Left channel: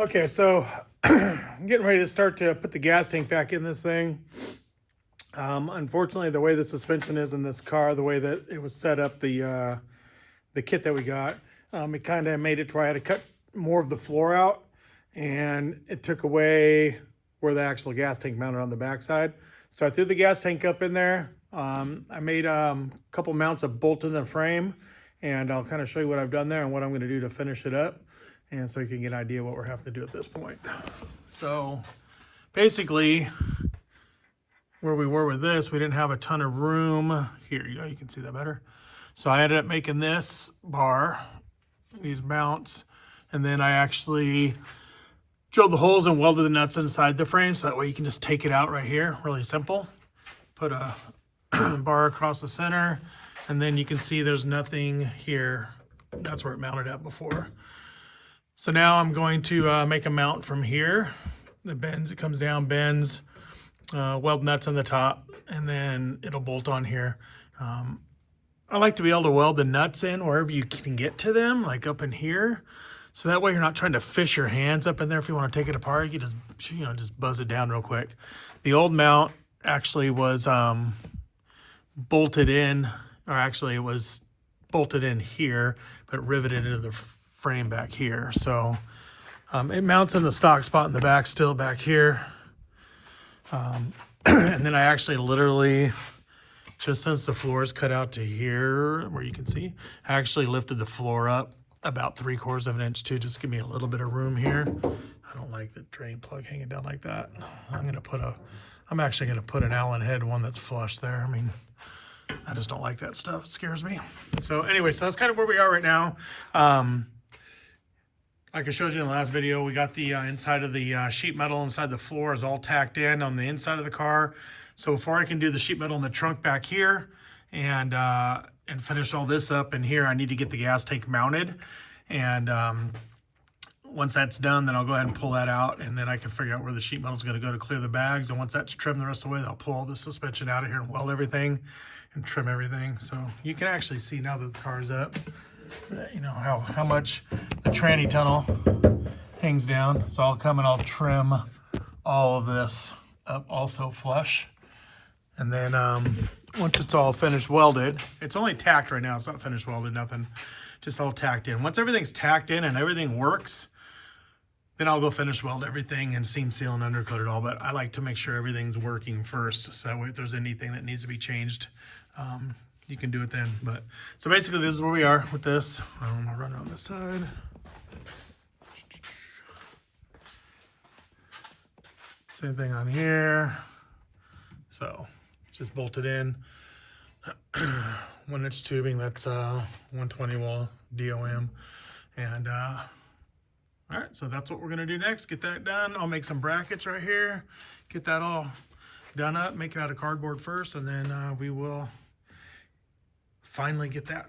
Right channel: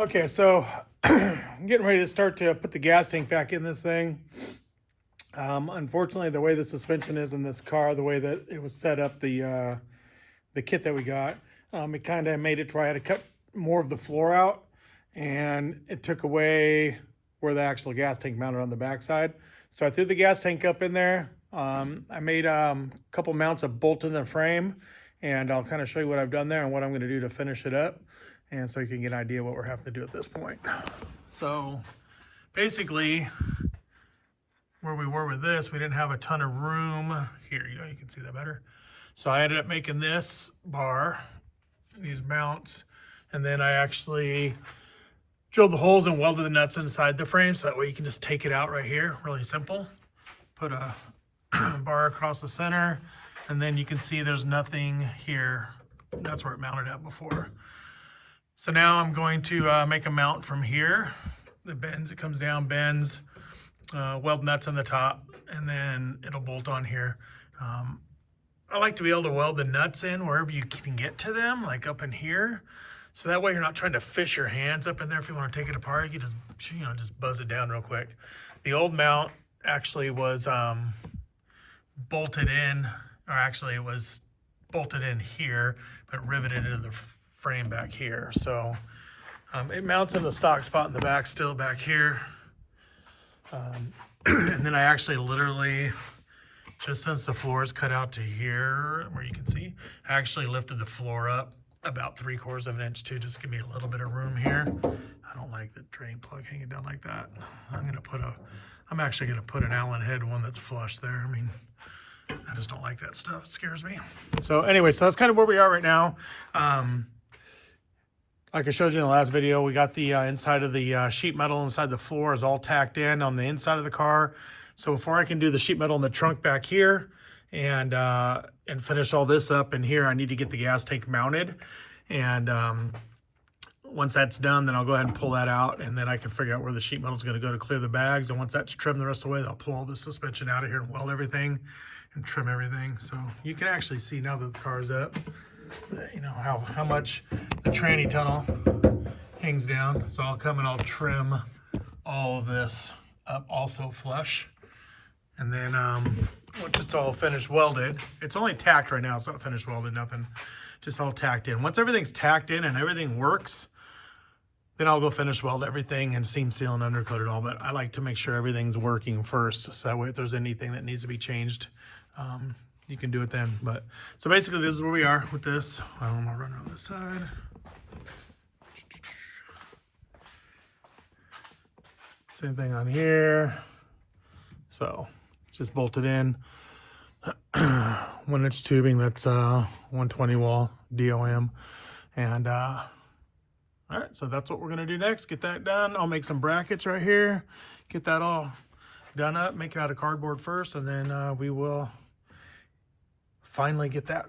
Okay, so I'm getting ready to start to put the gas tank back in this thing. Unfortunately, the way the suspension is in this car, the way that it was set up, the kit that we got, it kind of made it to where I had to cut more of the floor out, and it took away where the actual gas tank mounted on the backside. So I threw the gas tank up in there. I made a couple mounts of bolt in the frame, and I'll kind of show you what I've done there and what I'm going to do to finish it up, and so you can get an idea what we're having to do at this point. So basically, where we were with this, we didn't have a ton of room. Here you go, you can see that better. So I ended up making this bar, these mounts, and then I actually drilled the holes and welded the nuts inside the frame, so that way you can just take it out right here, really simple. Put a bar across the center, and then you can see there's nothing here. That's where it mounted at before. So now I'm going to make a mount from here. It bends, it comes down, bends, weld nuts on the top, and then it'll bolt on here. I like to be able to weld the nuts in wherever you can get to them, like up in here. So that way you're not trying to fish your hands up in there. If you want to take it apart, you just, just buzz it down real quick. The old mount actually was bolted in, or actually it was bolted in here, but riveted into the frame back here. So it mounts in the stock spot in the back, still back here. And then I actually literally, just since the floor is cut out to here, where you can see, I actually lifted the floor up about 3/4 of an inch too, just give me a little bit of room here. I don't like the drain plug hanging down like that. I'm actually gonna put an Allen head one that's flush there. I mean, I just don't like that stuff, it scares me. So anyway, so that's kind of where we are right now. Like I showed you in the last video, we got the inside of the sheet metal inside the floor is all tacked in on the inside of the car. So before I can do the sheet metal in the trunk back here and finish all this up in here, I need to get the gas tank mounted. And once that's done, then I'll go ahead and pull that out, and then I can figure out where the sheet metal is going to go to clear the bags. And once that's trimmed the rest of the way, I'll pull all the suspension out of here and weld everything and trim everything. So you can actually see now that the car is up, how much the tranny tunnel hangs down. So I'll come and I'll trim all of this up also flush. And then once it's all finished welded, it's only tacked right now, it's not finished welded, nothing, just all tacked in. Once everything's tacked in and everything works, then I'll go finish weld everything and seam seal and undercoat it all. But I like to make sure everything's working first, so that way if there's anything that needs to be changed, you can do it then. But so basically this is where we are with this. I'm gonna run around this side. Same thing on here. So it's just bolted in. 1-inch tubing, that's 120 wall DOM. And all right, so that's what we're gonna do next. Get that done. I'll make some brackets right here. Get that all done up, make it out of cardboard first, and then we will finally get that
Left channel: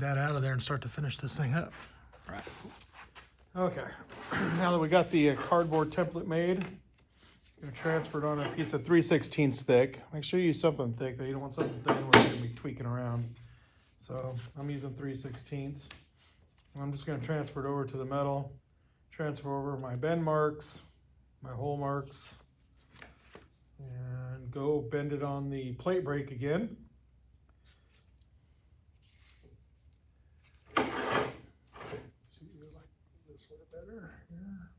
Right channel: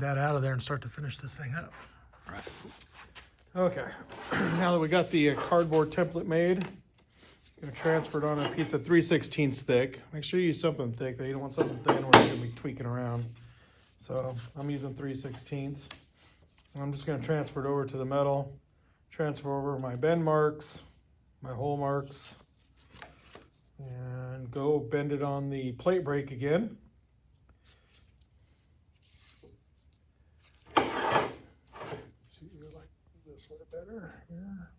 out of there and start to finish this thing up. All right. Okay, now that we got the cardboard template made, gonna transfer it on a piece of 3/16 thick. Make sure you use something thick though. You don't want something thin where you're gonna be tweaking around. So I'm using 3/16. I'm just gonna transfer it over to the metal, transfer over my bend marks, my hole marks, and go bend it on the plate brake again. Let's see, I like this way better here.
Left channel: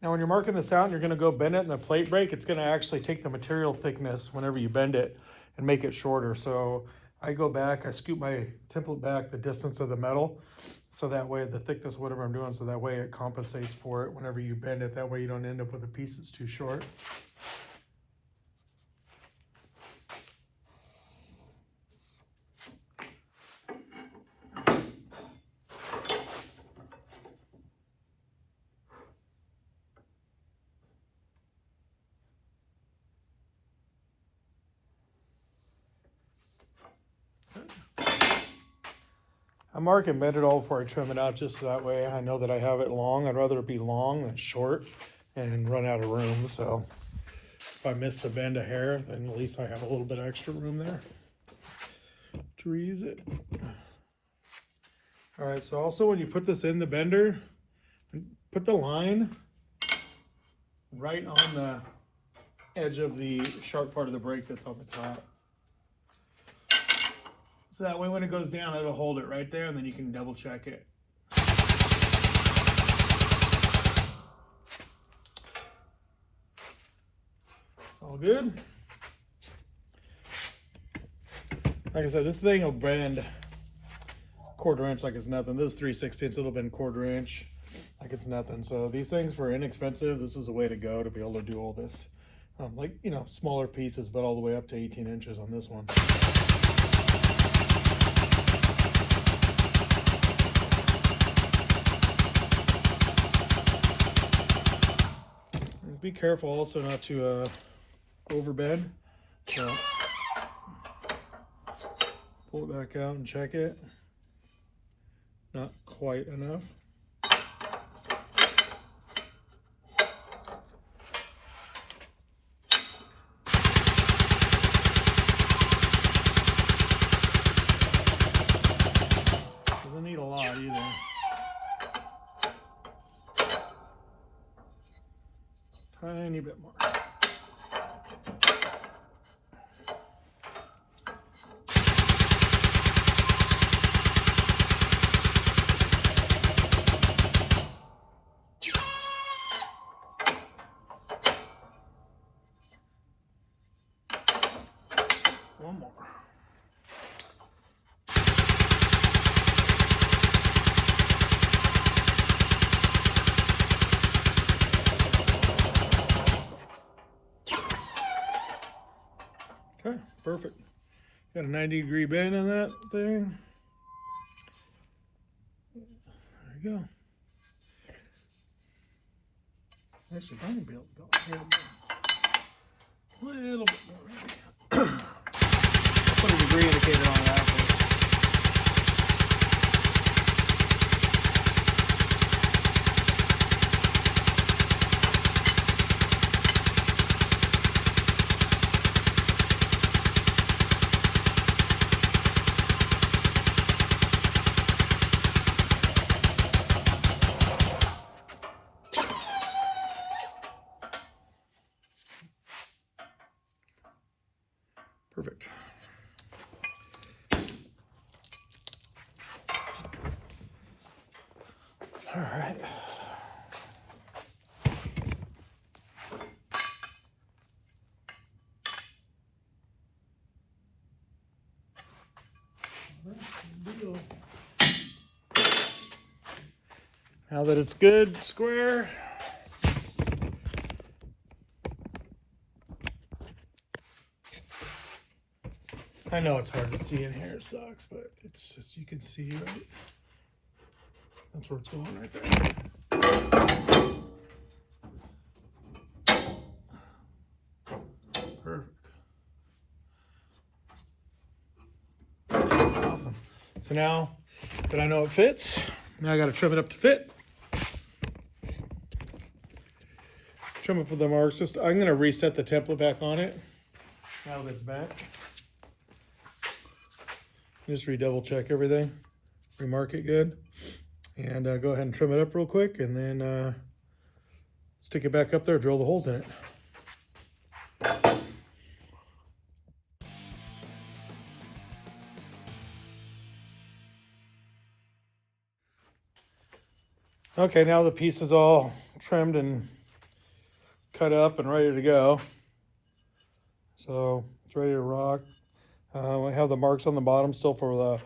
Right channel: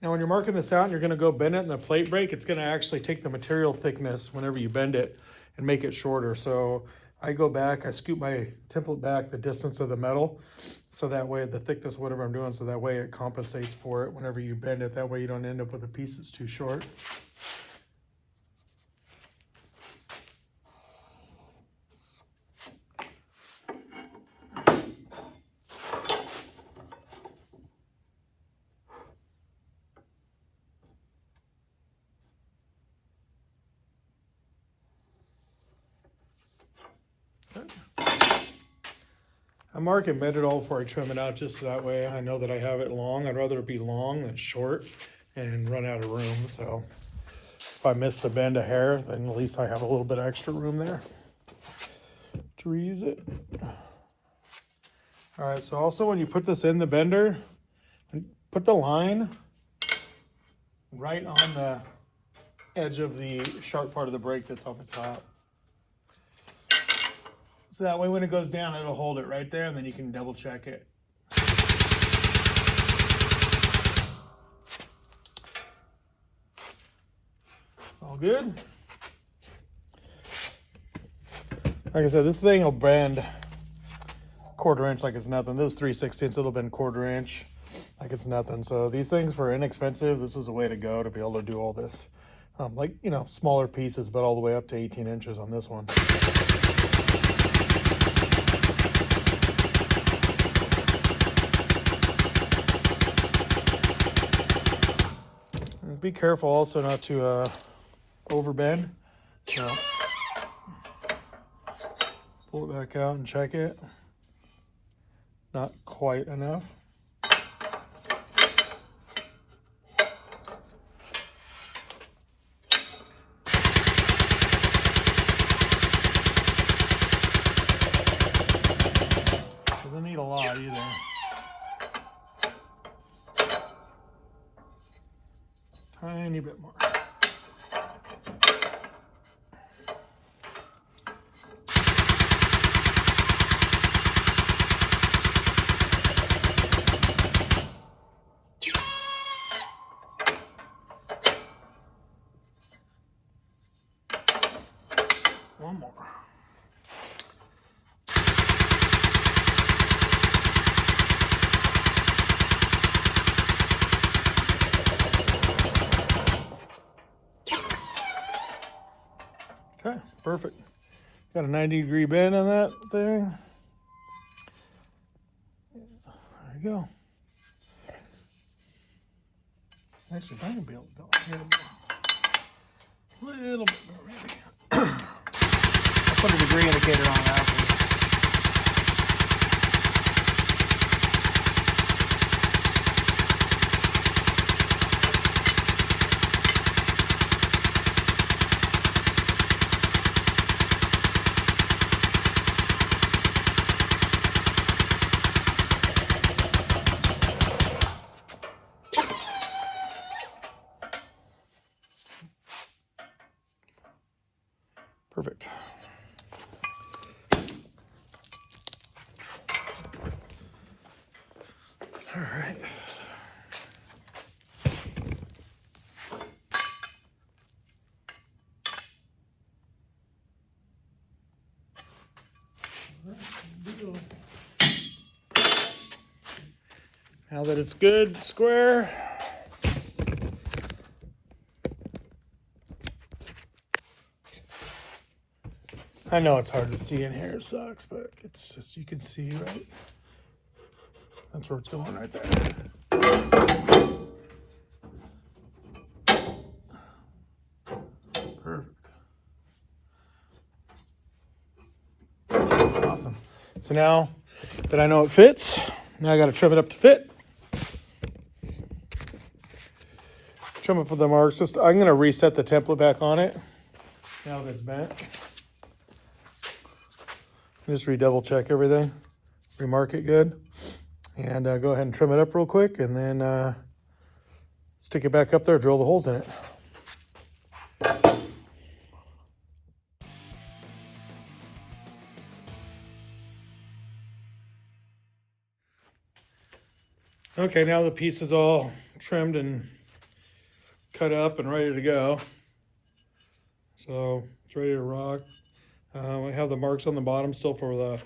Now when you're marking this out and you're gonna go bend it in the plate brake, it's gonna actually take the material thickness whenever you bend it and make it shorter. So I go back, I scoop my template back the distance of the metal, so that way the thickness, whatever I'm doing, so that way it compensates for it whenever you bend it. That way you don't end up with a piece that's too short. I mark and bend it all before I trim it out, just so that way I know that I have it long. I'd rather it be long than short and run out of room. So If I miss the bend a hair, then at least I have a little bit of extra room there to reuse it. All right, so also when you put this in the bender, put the line right on the edge of the sharp part of the brake that's on the top. So that way when it goes down, it'll hold it right there, and then you can double check it. All good. Like I said, this thing will bend 1/4 inch like it's nothing. Those 3/16, it'll bend 1/4 inch like it's nothing. So these things, for inexpensive, this is the way to go to be able to do all this. Like, you know, smaller pieces, but all the way up to 18 inches on this one. Be careful also not to overbend. So pull it back out and check it. Not quite enough. Doesn't need a lot either. Tiny bit more. One more. Okay, perfect. Got a 90-degree bend on that thing. There you go. Actually, I can be able to go a little bit more maybe. I'll put a degree indicator on that. Perfect. All right. Now that it's good, square. I know it's hard to see in here, it sucks, but it's just, you can see, right? That's where it's going right there. Perfect. Awesome. So now that I know it fits, now I got to trim it up to fit. Trim up with the marks. I'm going to reset the template back on it. Now that it's bent. Just redouble check everything. Remark it good. And go ahead and trim it up real quick, and then stick it back up there, drill the holes in it. Okay, now the piece is all trimmed and cut up and ready to go. So it's ready to rock. I have the marks on the bottom still for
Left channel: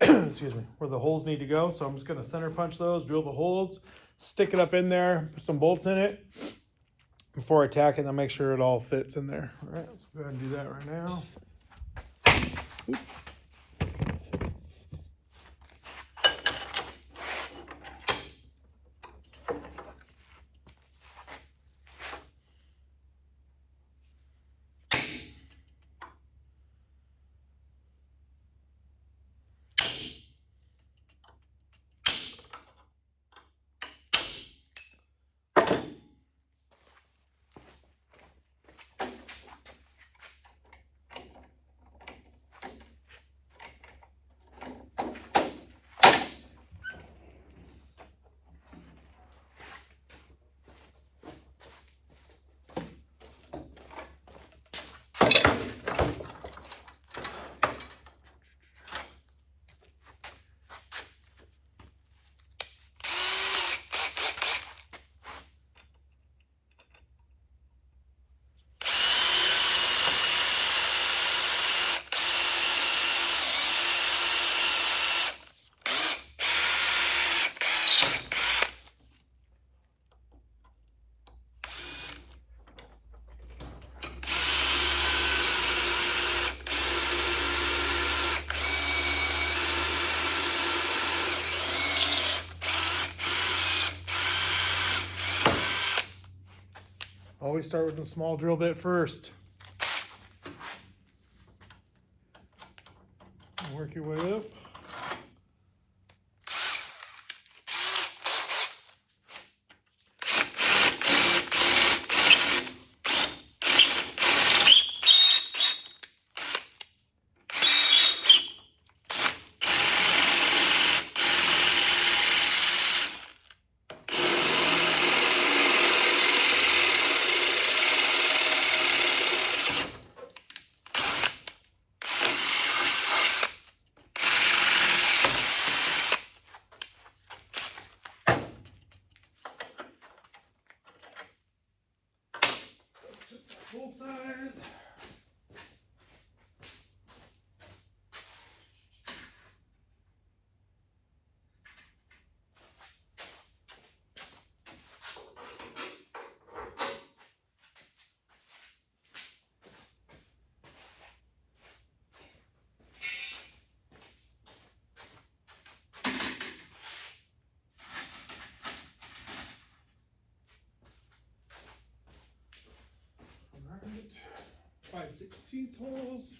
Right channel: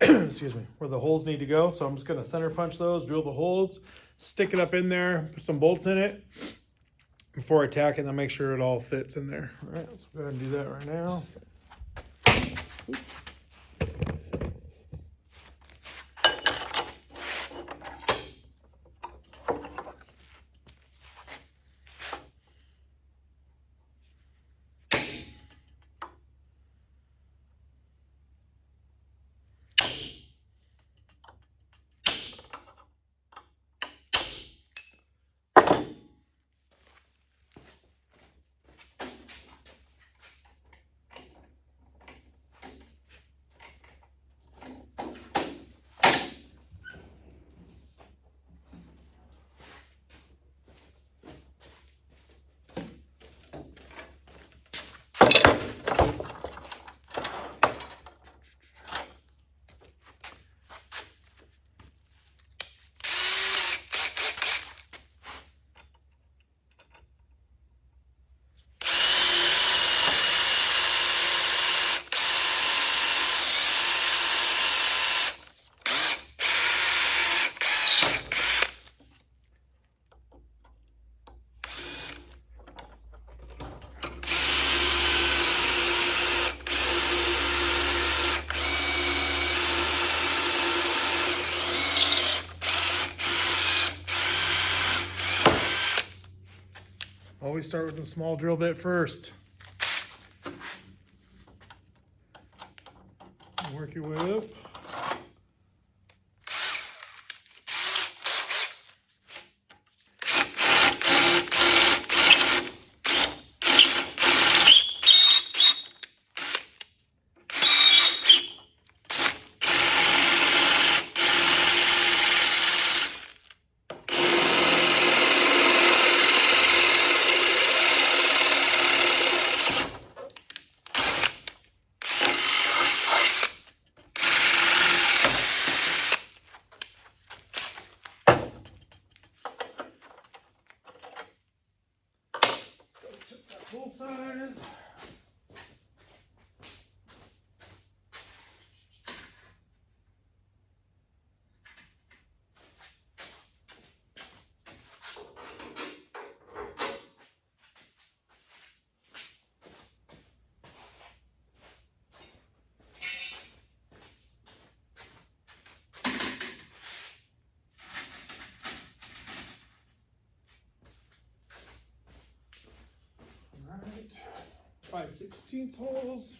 the, excuse me, where the holes need to go. So I'm just gonna center punch those, drill the holes, stick it up in there, put some bolts in it before I tack it, and then make sure it all fits in there. All right, let's go ahead and do that right now. Always start with a small drill bit first. Work your way up. Full size. All right, 5/16 holes.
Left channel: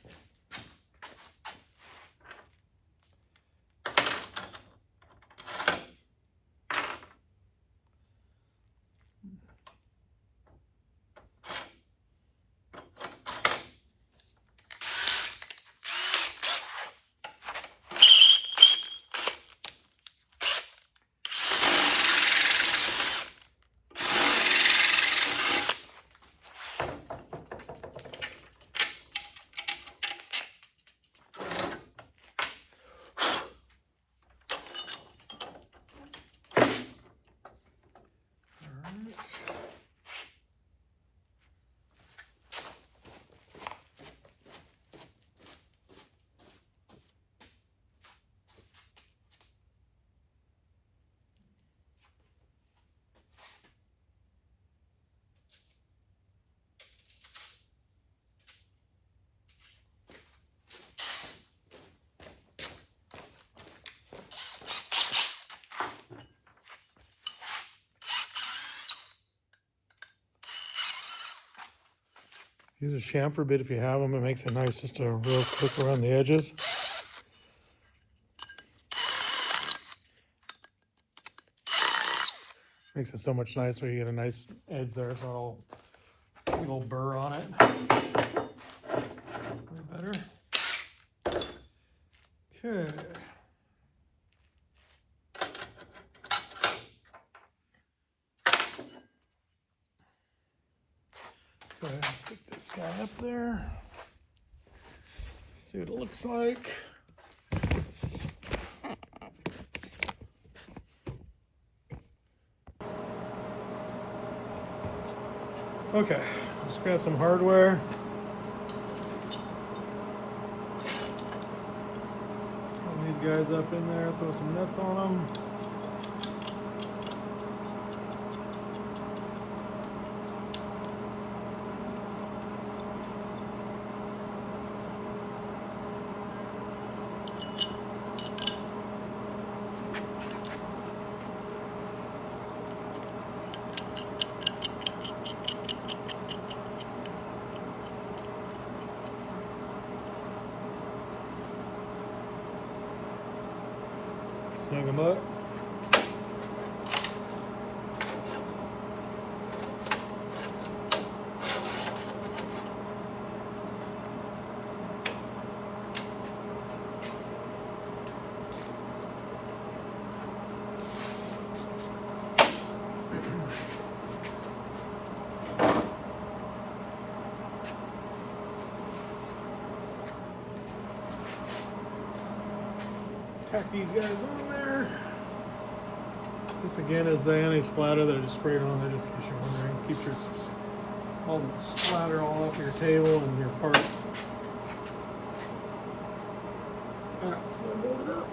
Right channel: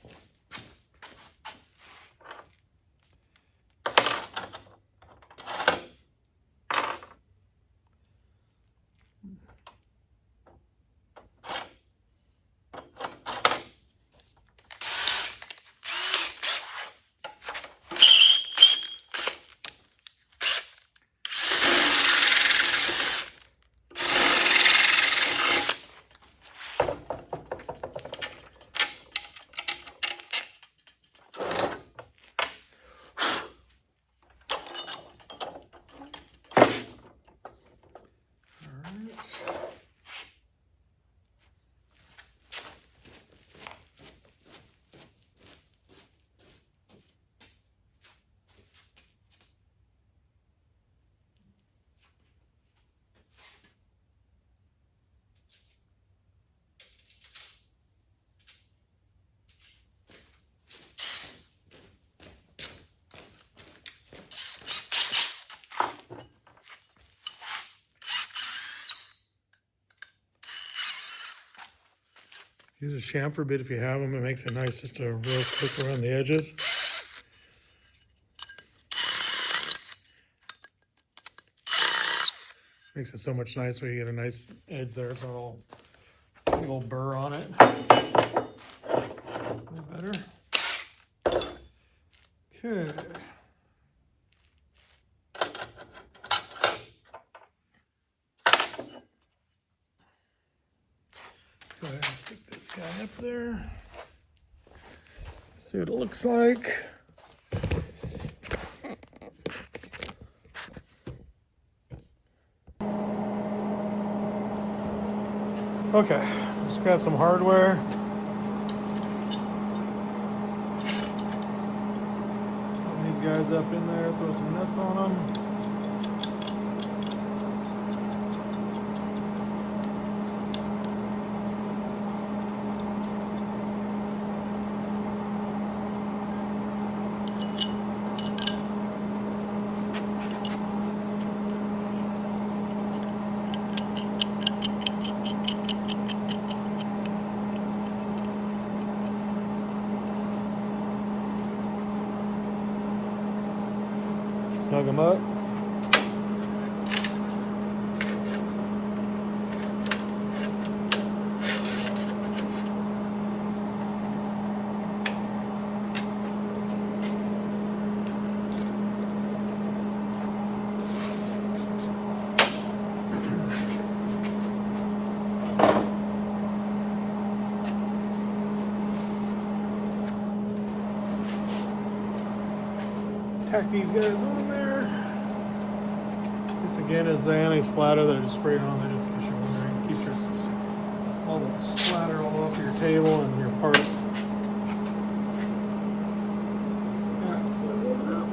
Use a chamfer bit if you have them. It makes it nice just to real quick around the edges. Makes it so much nicer. You get a nice edge there. It's not all a little burr on it. Way better. Okay. Go ahead and stick this guy up there. See what it looks like. Okay, just grab some hardware. Throw these guys up in there, throw some nuts on them. Snug them up. Tack these guys on there. This again is the anti-splatter that I just sprayed on there, just in case you're wondering. Keeps your all the splatter all off your table and your parts. Yeah, hold it up.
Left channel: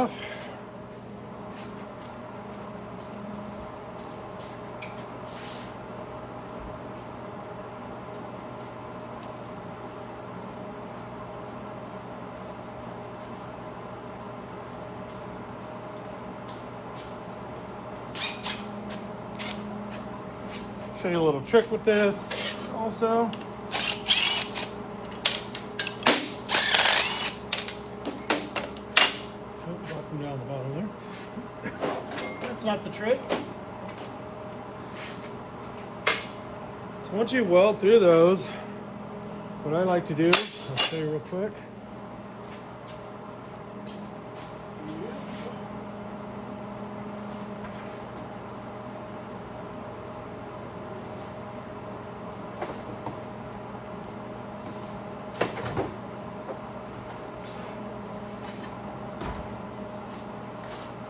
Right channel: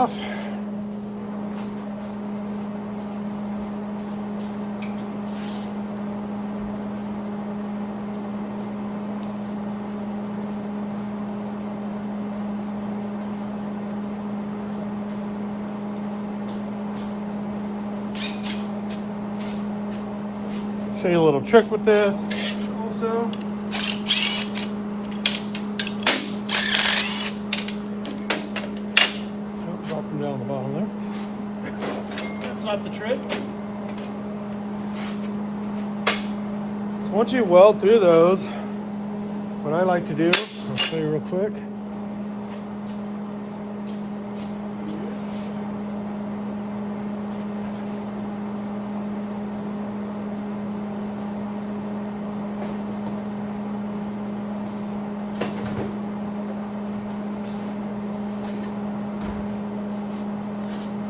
off. Show you a little trick with this also. Oh, drop them down the bottom there. That's not the trick. So once you weld through those, what I like to do, I'll show you real quick.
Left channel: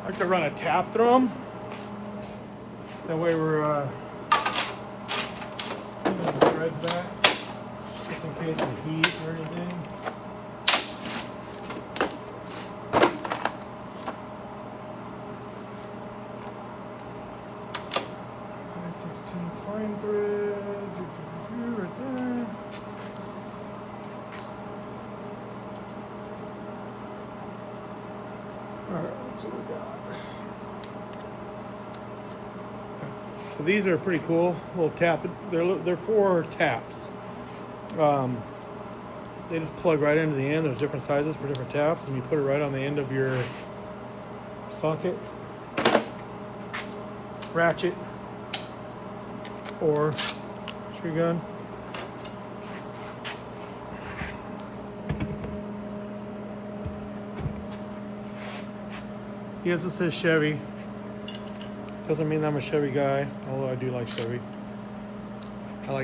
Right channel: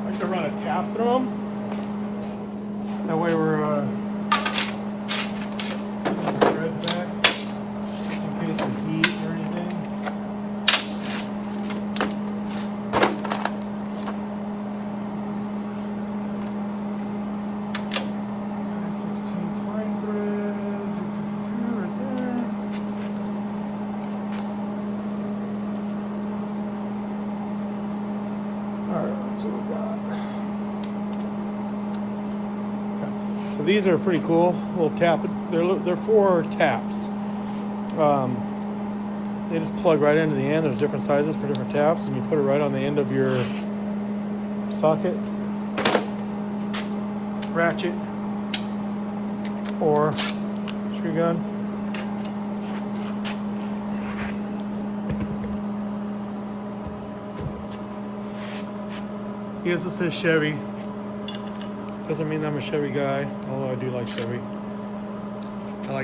I like to run a tap through them. That way we're putting the threads back, just in case of heat or anything. .16 fine thread, right there. All right, let's see what we got. Okay. So these are pretty cool. Little tap. They're 4 taps. They just plug right into the end. There's different sizes for different taps, and you put it right on the end of your socket, ratchet, or tree gun. Yes, it says Chevy. Doesn't mean I'm a Chevy guy, although I do like Chevy.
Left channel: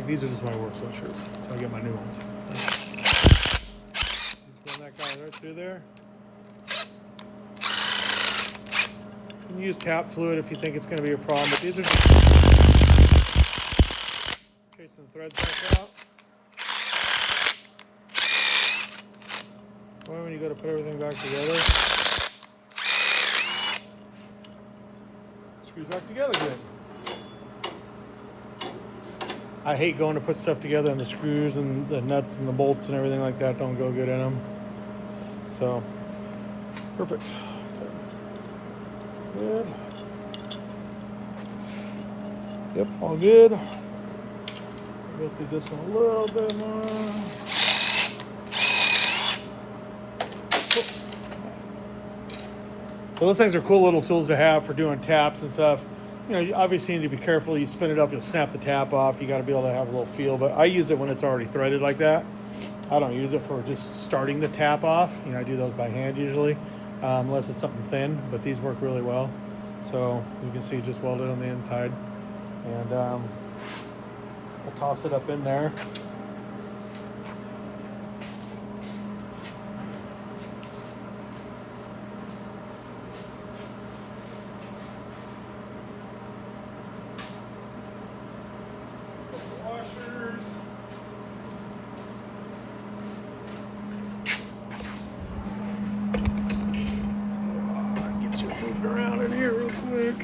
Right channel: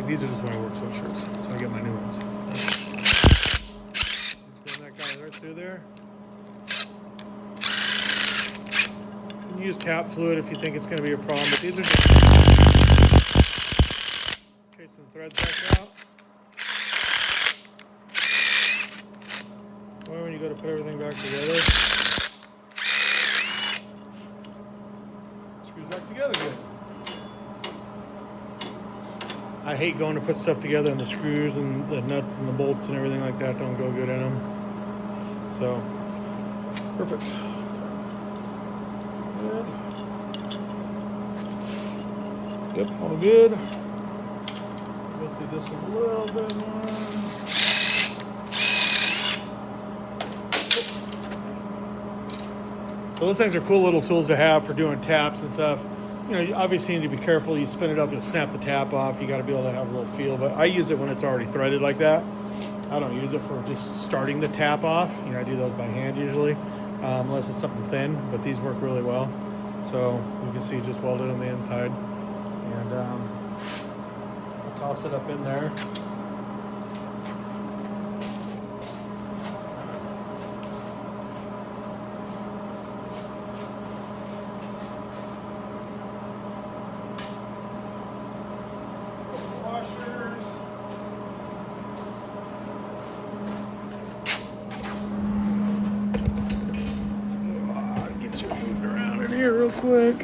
These are just my work sweatshirts, so I get my new ones. Run that guy right through there. You can use tap fluid if you think it's going to be a problem, but these are just chasing the threads back out. Well, when you go to put everything back together, screws back together again. I hate going to put stuff together and the screws and the nuts and the bolts and everything like that don't go good in them. So, perfect. Good. Yep, all good. Go through this one a little bit more. So those things are cool little tools to have for doing taps and stuff. You know, you obviously need to be careful. You spin it up, you'll snap the tap off. You got to be able to have a little feel. But I use it when it's already threaded like that. I don't use it for just starting the tap off. You know, I do those by hand usually, unless it's something thin. But these work really well. So you can see just welded on the inside. And I'll toss it up in there. Real quick.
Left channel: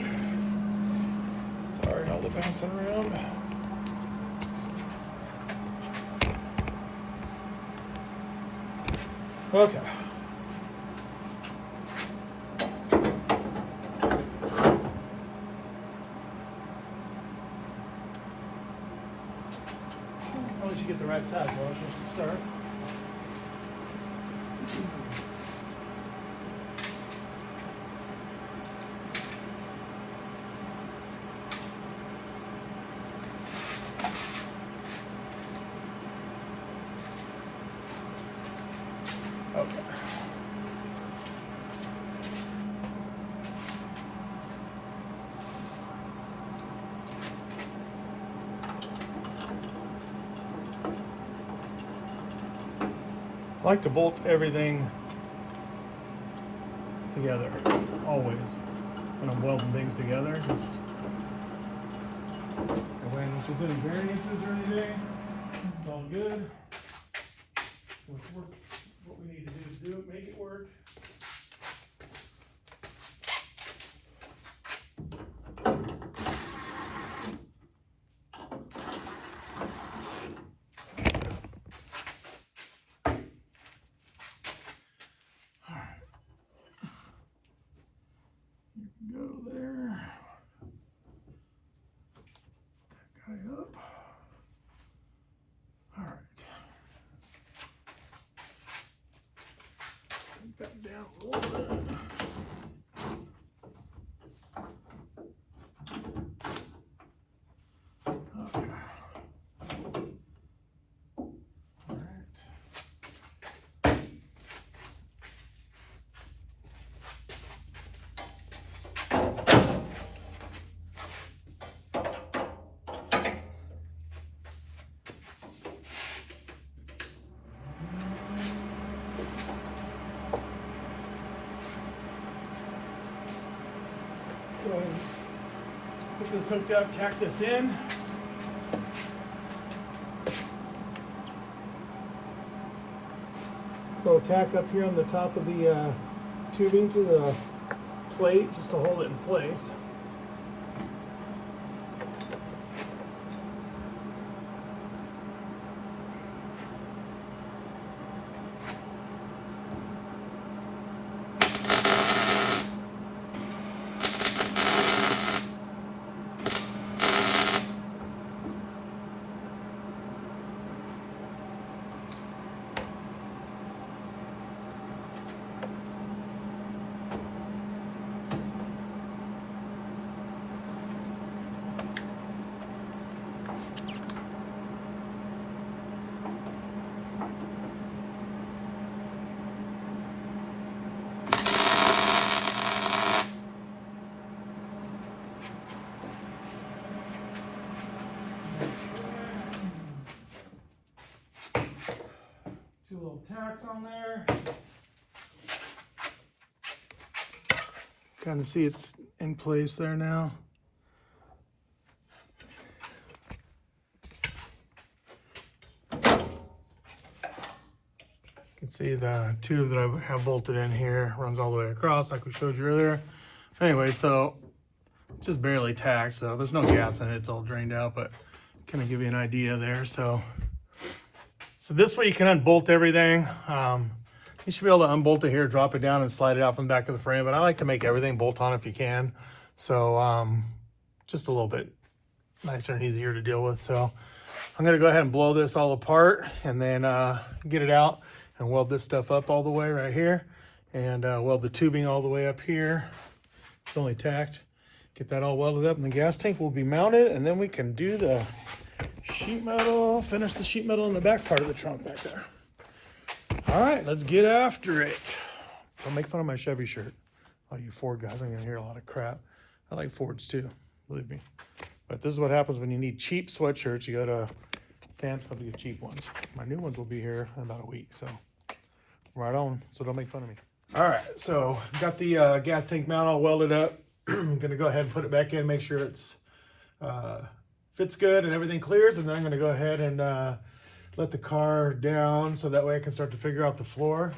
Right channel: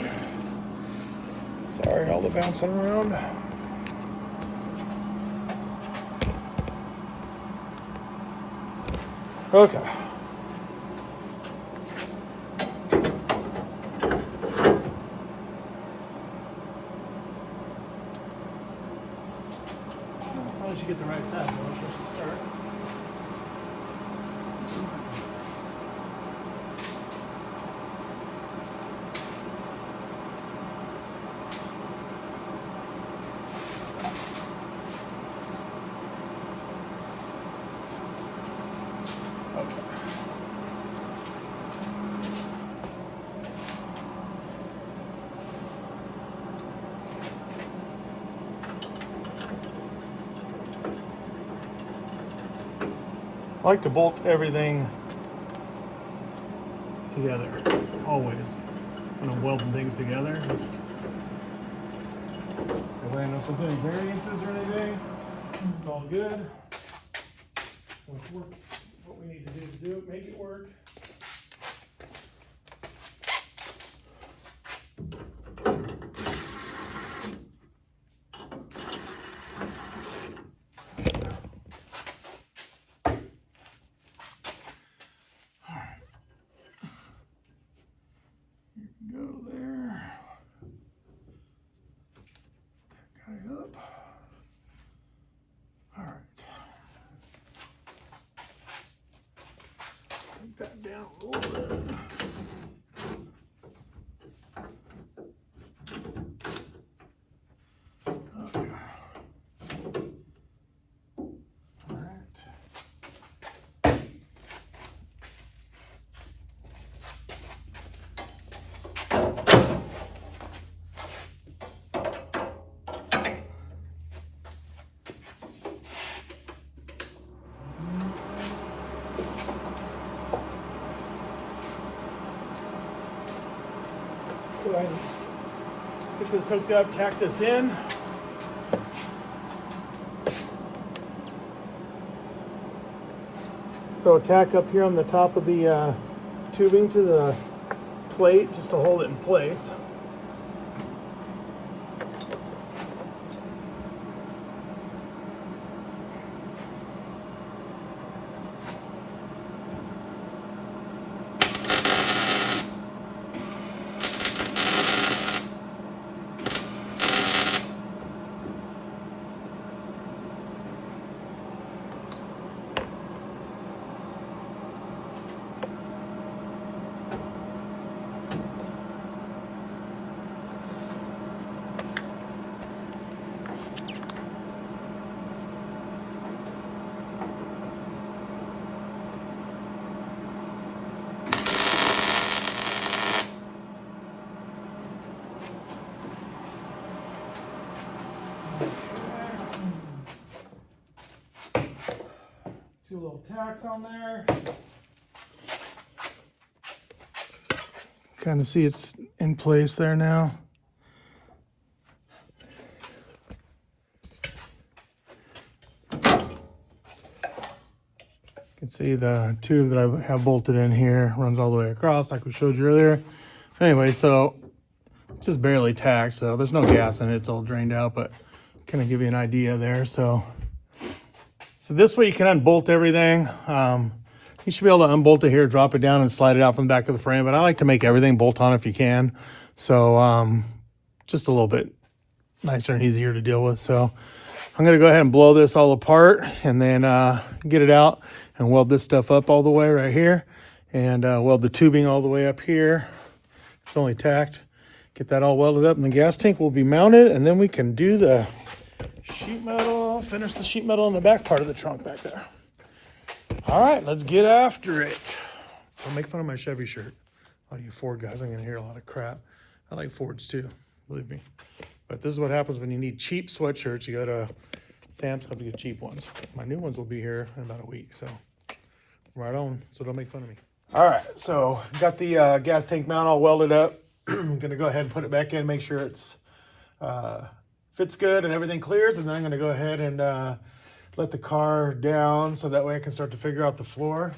Sorry, all the bouncing around. Okay. Probably should get the right side, well, just to start. I like to bolt everything together, always, when I'm welding things together. Just that way I don't know if there's any variances or anything. It's all good. Let's work what we need to do it, make it work. down a little bit. Go ahead and get this hooked up, tack this in. Throw a tack up here on the top of the tubing to the plate just to hold it in place. Two little tacks on there. Kind of see it's in place there now. You can see the tube that I have bolted in here runs all the way across like we showed you earlier. Anyway, so it's just barely tacked, so there's no gas in it, it's all drained out, but kind of give you an idea there. So this way you can unbolt everything. You should be able to unbolt it here, drop it down and slide it out from the back of the frame, but I like to make everything bolt on if you can. So just a little bit nicer and easier to deal with. So I'm gonna go ahead and blow this all apart and then get it out and weld this stuff up all the way right here and weld the tubing all the way up here. It's only tacked. Get that all welded up and the gas tank will be mounted, and then we can do the sheet metal, finish the sheet metal in the back part of the trunk back there. All right, let's get after it. Don't make fun of my Chevy shirt. All you Ford guys, I'm gonna hear a lot of crap. I like Fords too, believe me. But this is what happens when you need cheap sweatshirts. You go to Sam's Club to get cheap ones. My new ones will be here in about a week, so right on, so don't make fun of me. All right, so got the gas tank mount all welded up. I'm gonna go ahead and put it back in, make sure it's fits good and everything clears, and then I'm gonna go ahead and let the car down so that way I can start to figure out the floor.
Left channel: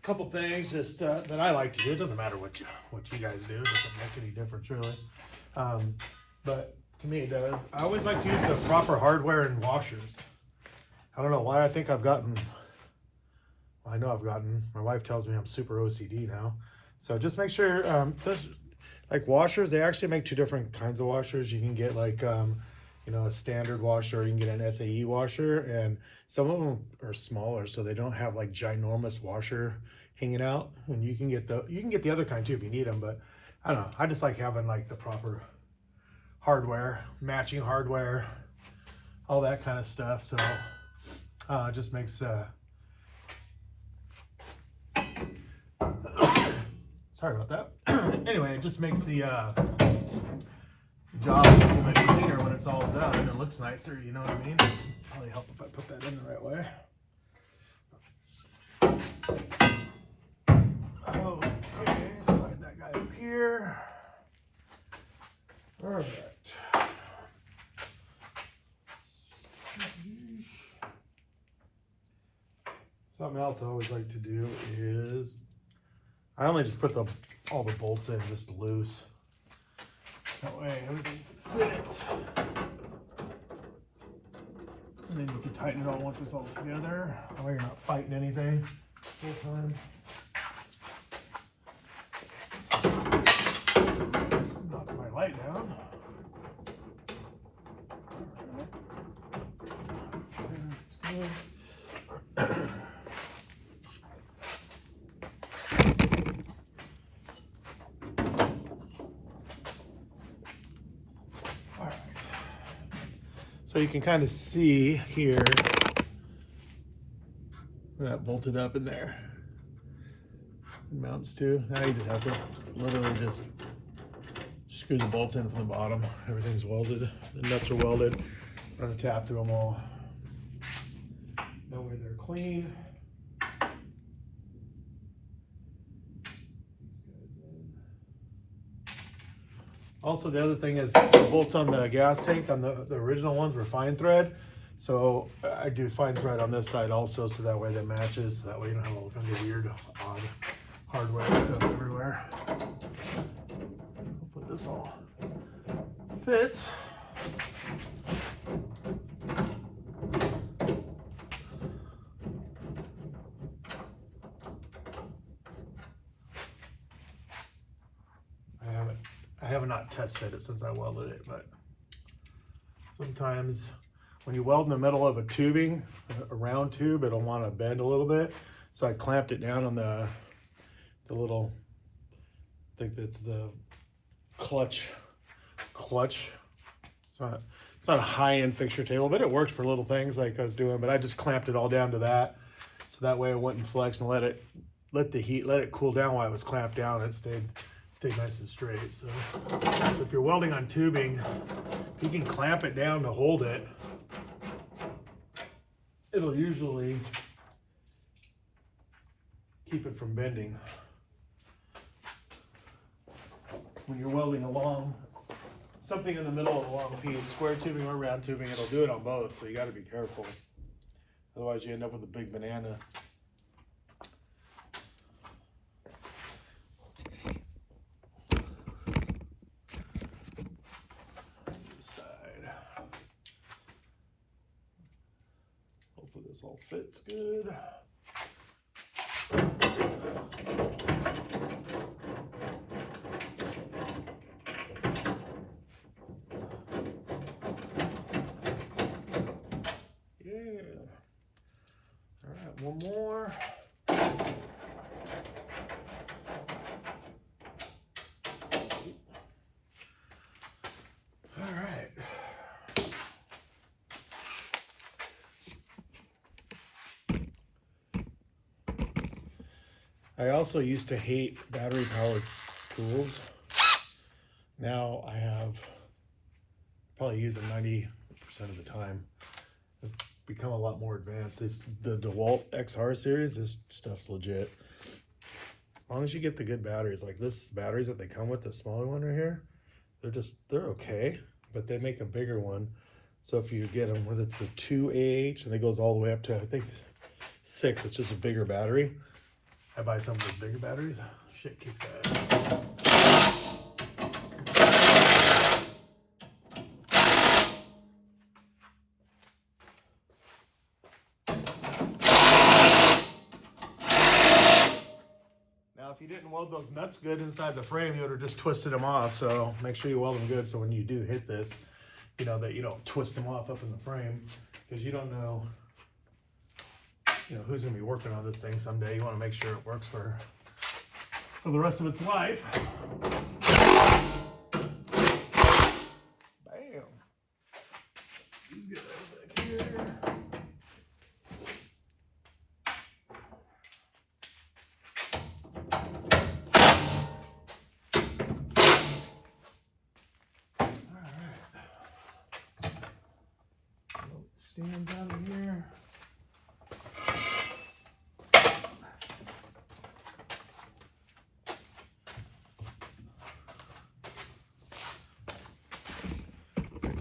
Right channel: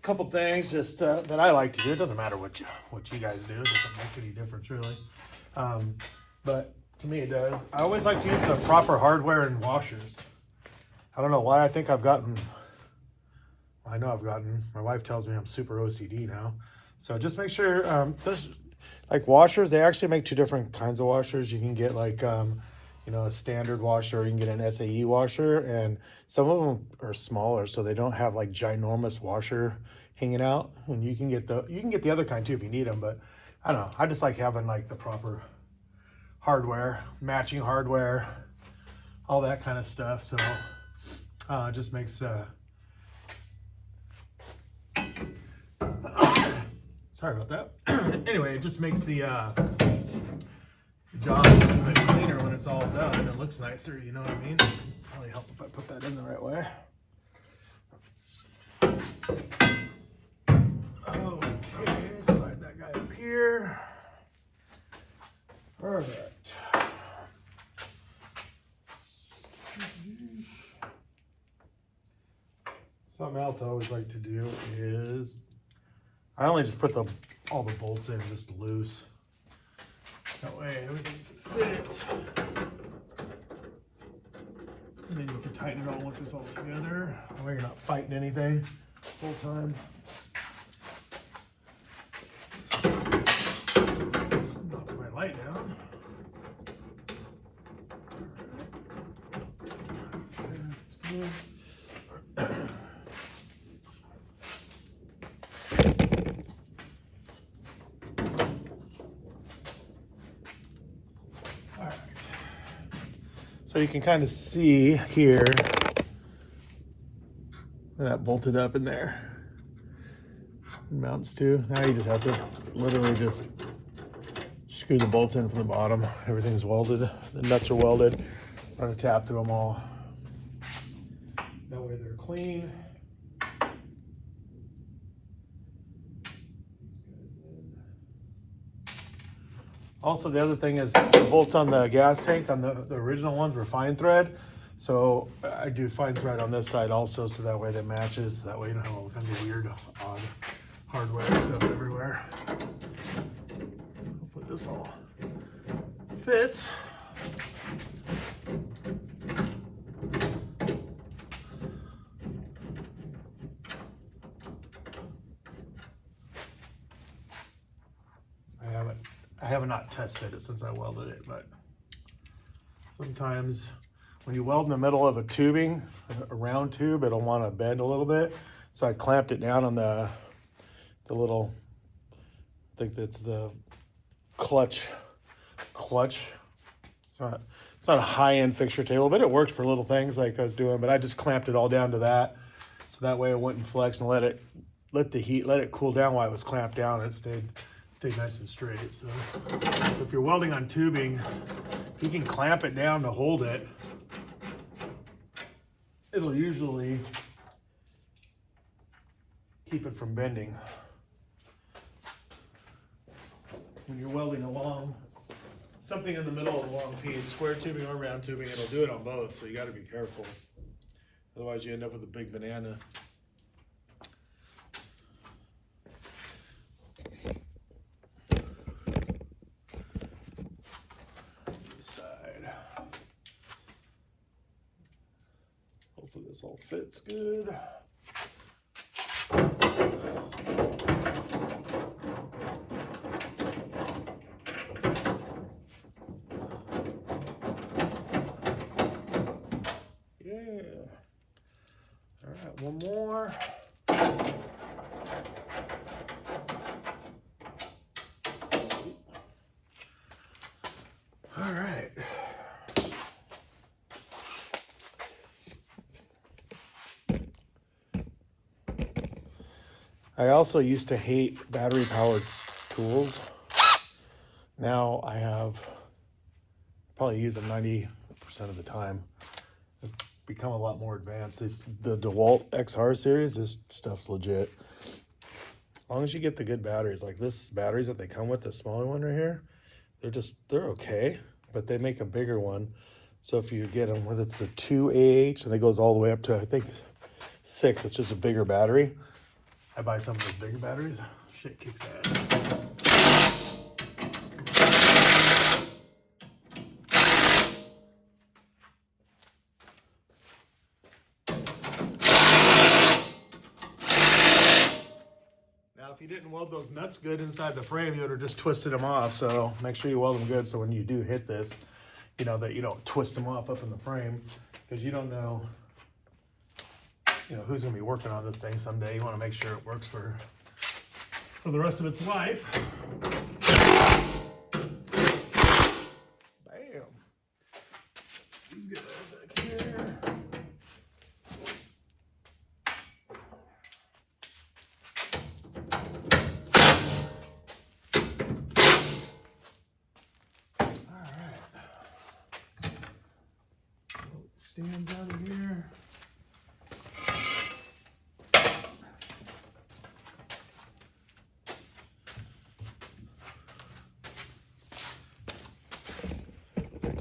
Couple things just that I like to do. It doesn't matter what you guys do. It doesn't make any difference really. But to me it does. I always like to use the proper hardware and washers. I don't know why. I think I've gotten, my wife tells me I'm super OCD now. So just make sure, there's like washers, they actually make two different kinds of washers. You can get like, you know, a standard washer, or you can get an SAE washer, and some of them are smaller, so they don't have like ginormous washer hanging out. And you can get the other kind too if you need them, but I don't know. I just like having like the proper hardware, matching hardware, all that kind of stuff. So it just makes sorry about that. Anyway, it just makes the job a little bit cleaner when it's all done. It looks nicer, you know what I mean? Probably help if I put that in the right way. Oh, okay, slide that guy up here. Perfect. Something else I always like to do is I only just put all the bolts in just loose. That way everything fits. And then you can tighten it all once it's all together. That way you're not fighting anything the whole time. Knock my light down. That's All right. So you can kind of see here that bolted up in there. It mounts to. Now you just have to literally just screw the bolts in from the bottom. Everything's welded. The nuts are welded. Run a tap through them all. That way they're clean. Also, the other thing is the bolts on the gas tank on the original ones were fine thread. So I do fine thread on this side also, so that way that matches. That way you don't have all kinds of weird, odd hardware stuff everywhere. Hopefully this all fits. I have not tested it since I welded it, but sometimes when you weld in the middle of a tubing, a round tube, it'll want to bend a little bit. So I clamped it down on the little, I think that's the clutch. It's not a high-end fixture table, but it works for little things like I was doing, but I just clamped it all down to that. So that way it wouldn't flex and let it cool down while it was clamped down, and it stayed nice and straight. So if you're welding on tubing, if you can clamp it down to hold it, it'll usually keep it from bending. When you're welding along something in the middle of a long piece, square tubing or round tubing, it'll do it on both, so you got to be careful. Otherwise you end up with a big banana. Hopefully this all fits good. Yeah. All right, one more. All right. I also used to hate battery-powered tools. Now I probably use them 90% of the time. I've become a lot more advanced. The DeWalt XR series, this stuff's legit. As long as you get the good batteries, like this batteries that they come with, the smaller one right here, they're okay, but they make a bigger one. So if you get them, whether it's a 2AH, and it goes all the way up to, I think, 6, it's just a bigger battery. I buy some of those bigger batteries. Shit kicks ass. Now, if you didn't weld those nuts good inside the frame, you would have just twisted them off. So make sure you weld them good, so when you do hit this, you know that you don't twist them off up in the frame, because you don't know, who's gonna be working on this thing someday. You want to make sure it works for the rest of its life. Bam. These guys back here. All right. Stands out of here.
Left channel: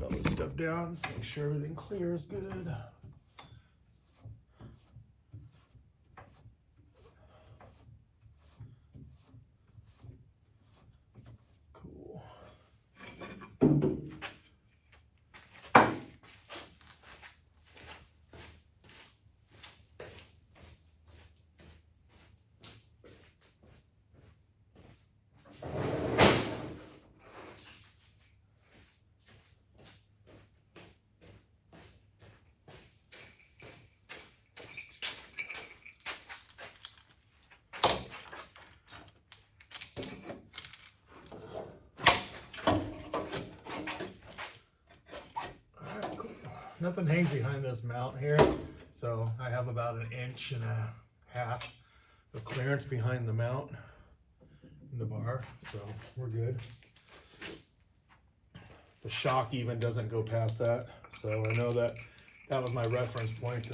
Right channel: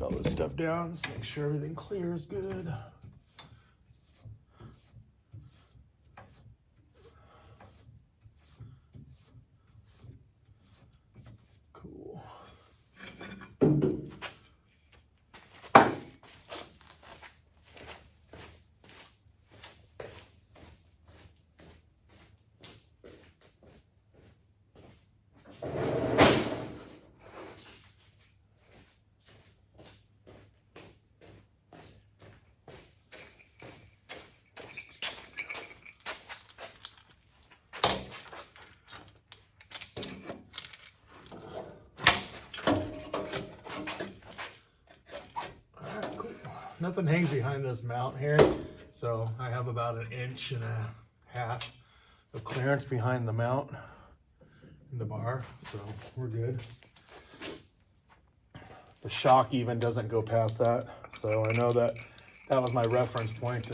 All this stuff down, just make sure everything clears good. Cool. nothing hangs behind this mount here. So I have about 1.5 inches of clearance behind the mount in the bar. So we're good. The shock even doesn't go past that. So I know that that was my reference point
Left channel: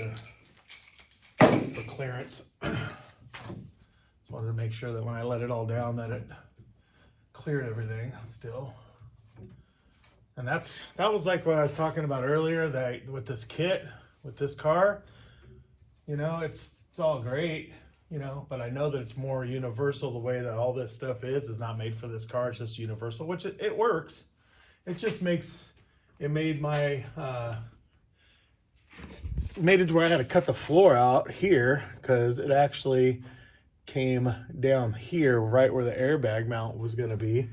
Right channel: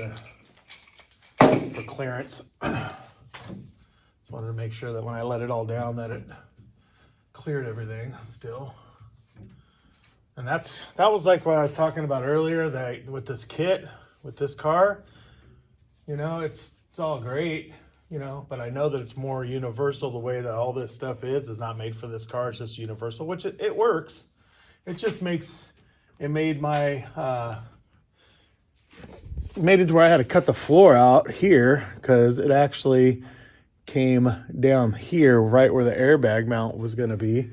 for clearance. Just wanted to make sure that when I let it all down that it cleared everything still. And that was like what I was talking about earlier, that with this kit, with this car, you know, it's all great, you know, but I know that it's more universal. The way that all this stuff is not made for this car. It's just universal, which it works. It just makes, it made my, made it to where I had to cut the floor out here because it actually came down here right where the airbag mount was going to be.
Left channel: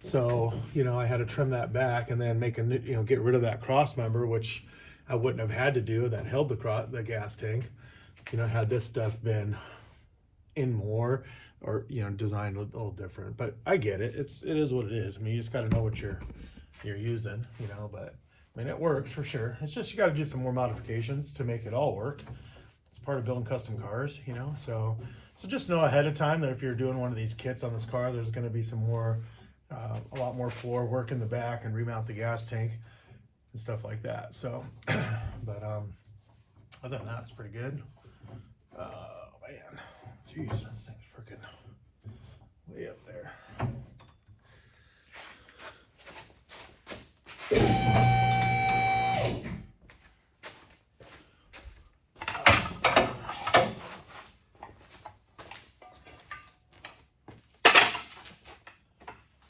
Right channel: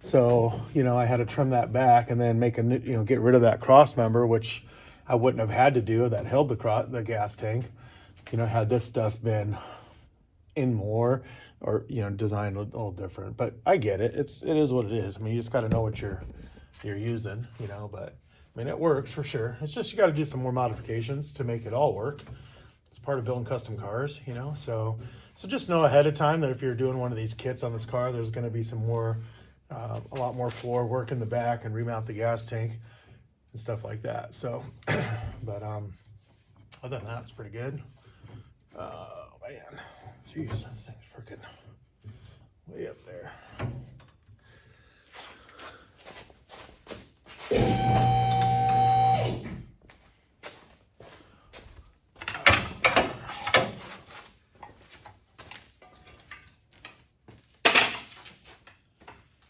So, you know, I had to trim that back and then make a, you know, get rid of that cross member, which I wouldn't have had to do, that held the gas tank. You know, had this stuff been in more, or, you know, designed a little different. But I get it. It is what it is. I mean, you just got to know what you're using, you know. But I mean, it works for sure. It's just you got to do some more modifications to make it all work. It's part of building custom cars, you know. So just know ahead of time that if you're doing one of these kits on this car, there's going to be some more, a lot more floor work in the back and remount the gas tank and stuff like that. So, but other than that, it's pretty good. Man, jeez, this thing's freaking way up there.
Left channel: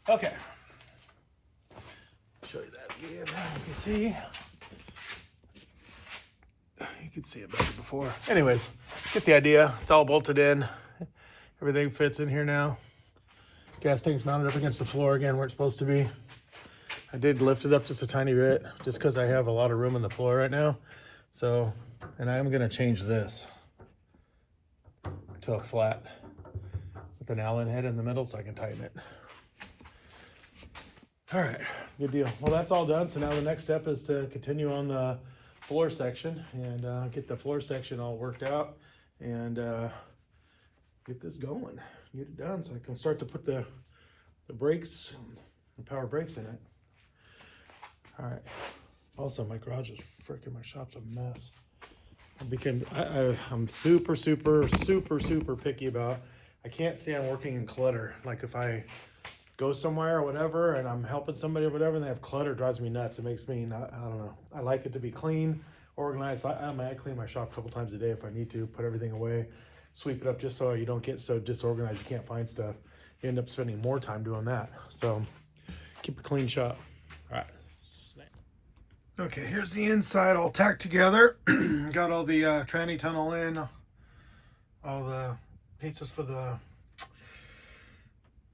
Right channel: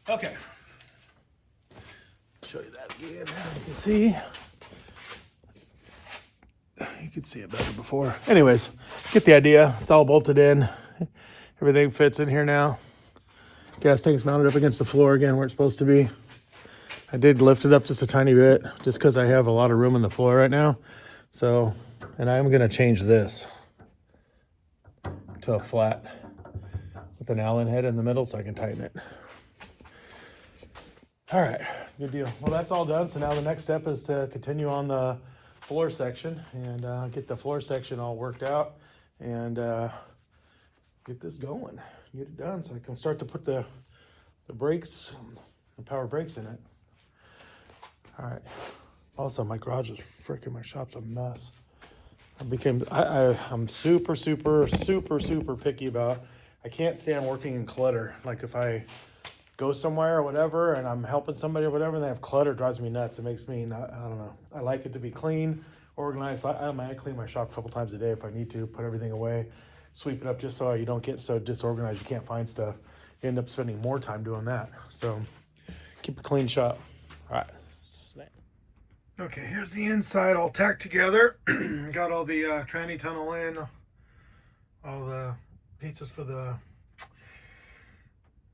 Okay, show you that again. You can see. You could see it better before. Anyways, get the idea. It's all bolted in. Everything fits in here now. Gas tank's mounted up against the floor again where it's supposed to be. I did lift it up just a tiny bit just because I have a lot of room in the floor right now. So, and I'm gonna change this to a flat with an Allen head in the middle so I can tighten it. All right, good deal. Well, that's all done. So now the next step is to continue on the floor section and get the floor section all worked out and get this going, get it done so I can start to put the brakes, the power brakes in it. All right. Also, my garage is freaking, my shop's a mess. I'm super picky about, I can't stand working in clutter. Like if I go somewhere or whatever and I'm helping somebody or whatever and they have clutter, it drives me nuts. It makes me not, I don't know. I like it to be clean, organized. I might clean my shop a couple times a day if I need to, put everything away, sweep it up just so you don't get so disorganized you can't find stuff. You end up spending more time doing that. So keep a clean shop. All right. Okay, here's the inside all tacked together. Got all the tranny tunnel in, all the pieces for the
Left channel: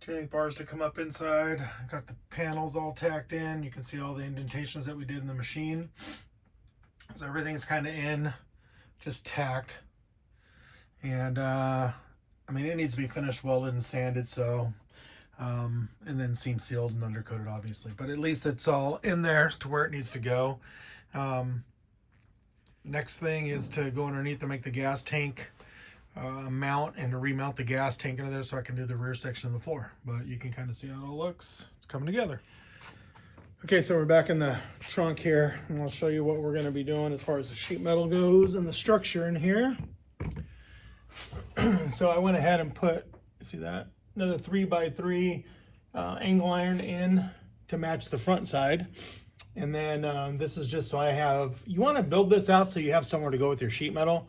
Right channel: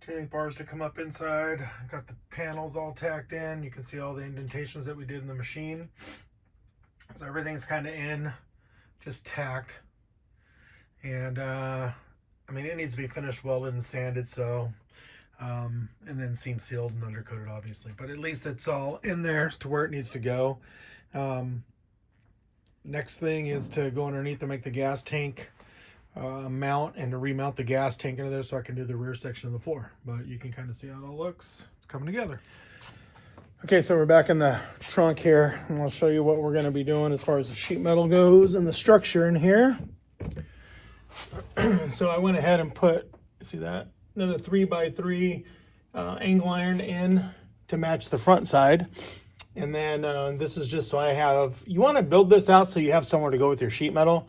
tuning bars to come up inside. Got the panels all tacked in. You can see all the indentations that we did in the machine. So everything's kind of in, just tacked. And I mean, it needs to be finished, welded and sanded, so and then seam sealed and undercoated, obviously. But at least it's all in there to where it needs to go. Next thing is to go underneath and make the gas tank mount and to remount the gas tank into there so I can do the rear section of the floor. But you can kind of see how it all looks. It's coming together. Okay, so we're back in the trunk here, and I'll show you what we're going to be doing as far as the sheet metal goes and the structure in here. So I went ahead and put, see that? Another 3x3 angle iron in to match the front side. And then this is just so I have, you want to build this out so you have somewhere to go with your sheet metal.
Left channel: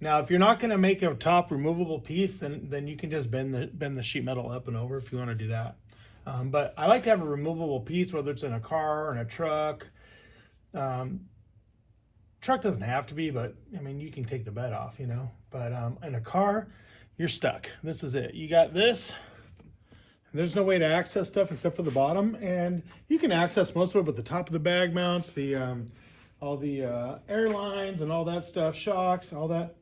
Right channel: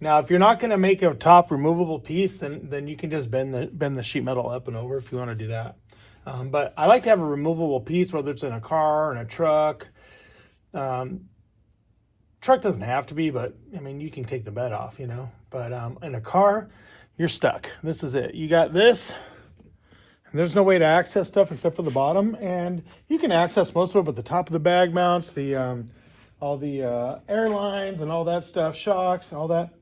Now, if you're not going to make a top removable piece, then you can just bend the sheet metal up and over if you want to do that. But I like to have a removable piece, whether it's in a car, in a truck. Truck doesn't have to be, but I mean, you can take the bed off, you know. But in a car, you're stuck. This is it. You got this. And there's no way to access stuff except for the bottom, and you can access most of it, but the top of the bag mounts, the all the airlines and all that stuff, shocks, all that.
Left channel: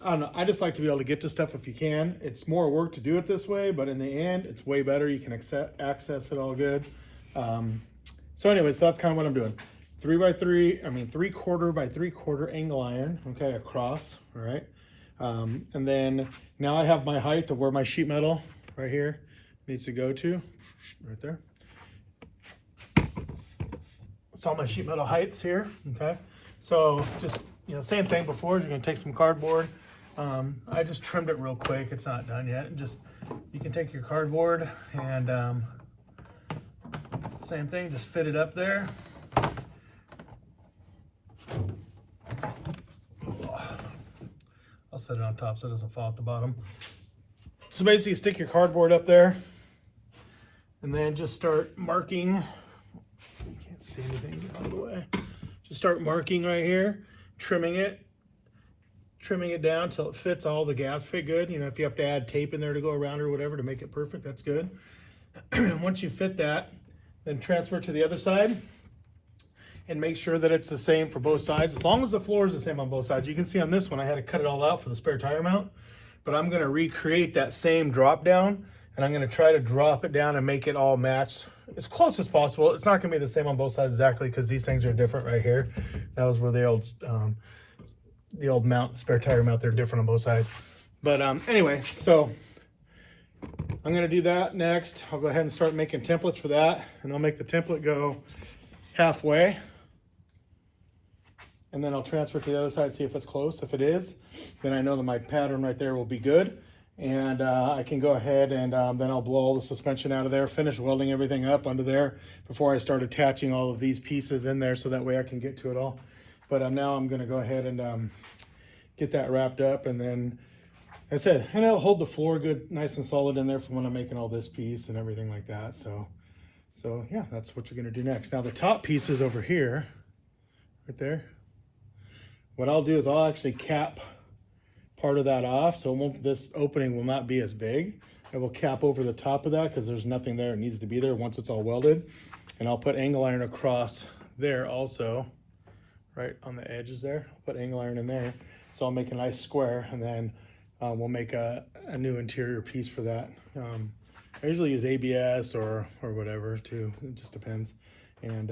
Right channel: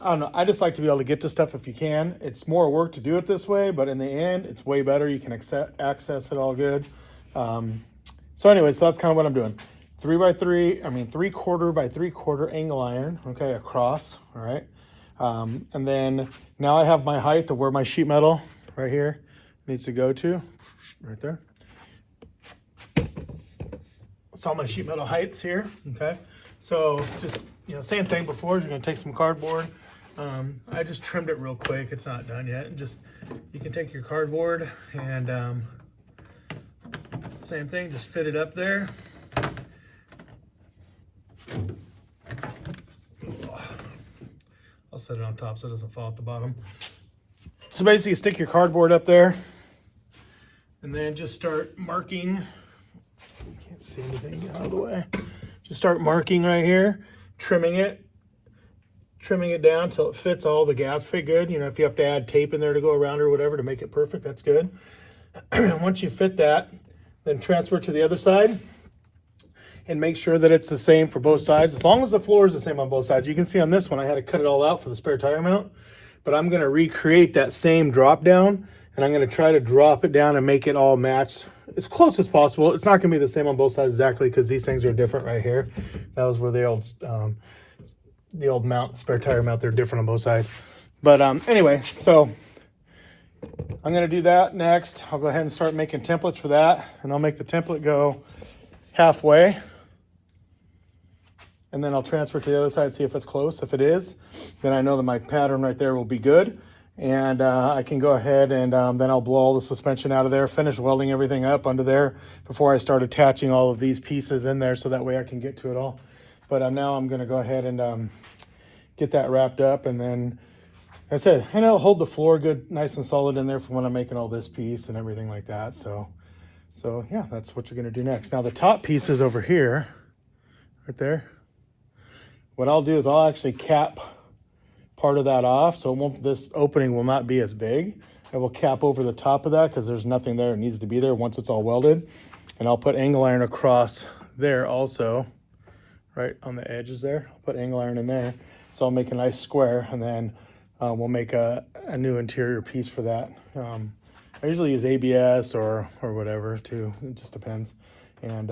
I don't know. I just like to be able to get to stuff if you can. It's more work to do it this way, but in the end, it's way better. You can access it all good. So anyways, that's kind of what I'm doing. 3/4 by 3/4 angle iron, okay, across, all right. And then now I have my height of where my sheet metal right here needs to go to, right there. It's all my sheet metal heights here, okay. So just, same thing before, you're gonna take some cardboard. I just trimmed it real quick, it's not done yet. And just, you can take your cardboard and same thing, just fit it up there. I'll set it on top so it doesn't fall at the bottom. So basically, you stick your cardboard up there and then just start marking. You can't see anything out of the way. Just start marking right here, trimming it down until it fits. All the gaps fit good. If you have to add tape in there to go around or whatever to make it perfect, that's good. Once you fit that, then transfer it to the other side and make sure that it's the same for both sides. As long as the floor is the same on both sides. You can see on this one, I had to cut it all out for the spare tire mount, but I'm gonna recreate that same drop down, and I'm gonna try to drop it down and make it all match as close as possible. It's not gonna be the same on both sides exactly, because these things are different right here. That was where the old mount, spare tire mount, they're different on both sides. But anyway, so I'm gonna do that next. I'll go ahead and start making templates for that, and I'll make the template go halfway. And then I'll transfer it to the other side, see if it's close. If it is, then I know that my pattern right there will be good. And I can go ahead and then I'll blow all the suspension out of there, finish welding everything up under there before I start attaching all of these pieces in there, so that way I can get to it all. But now I'm gonna go ahead and get that wrapped up, and then that's it. And it'll hold the floor good, nice and solid in there for when I'm making all this piece and everything like that. So yeah, that's what you're gonna do next. Now the top piece is over here, right there. What I'll do is I'll actually cap part of that off, so this opening will not be as big. I will cap over the top of that because there's nothing there. It needs to be there once it's all welded. And I'll put angle iron across there also, right on the edges there. I'll put angle iron in there. So I'll make a nice square, and then we'll make a new interior piece for that. I usually use ABS or whatever too, it just depends. And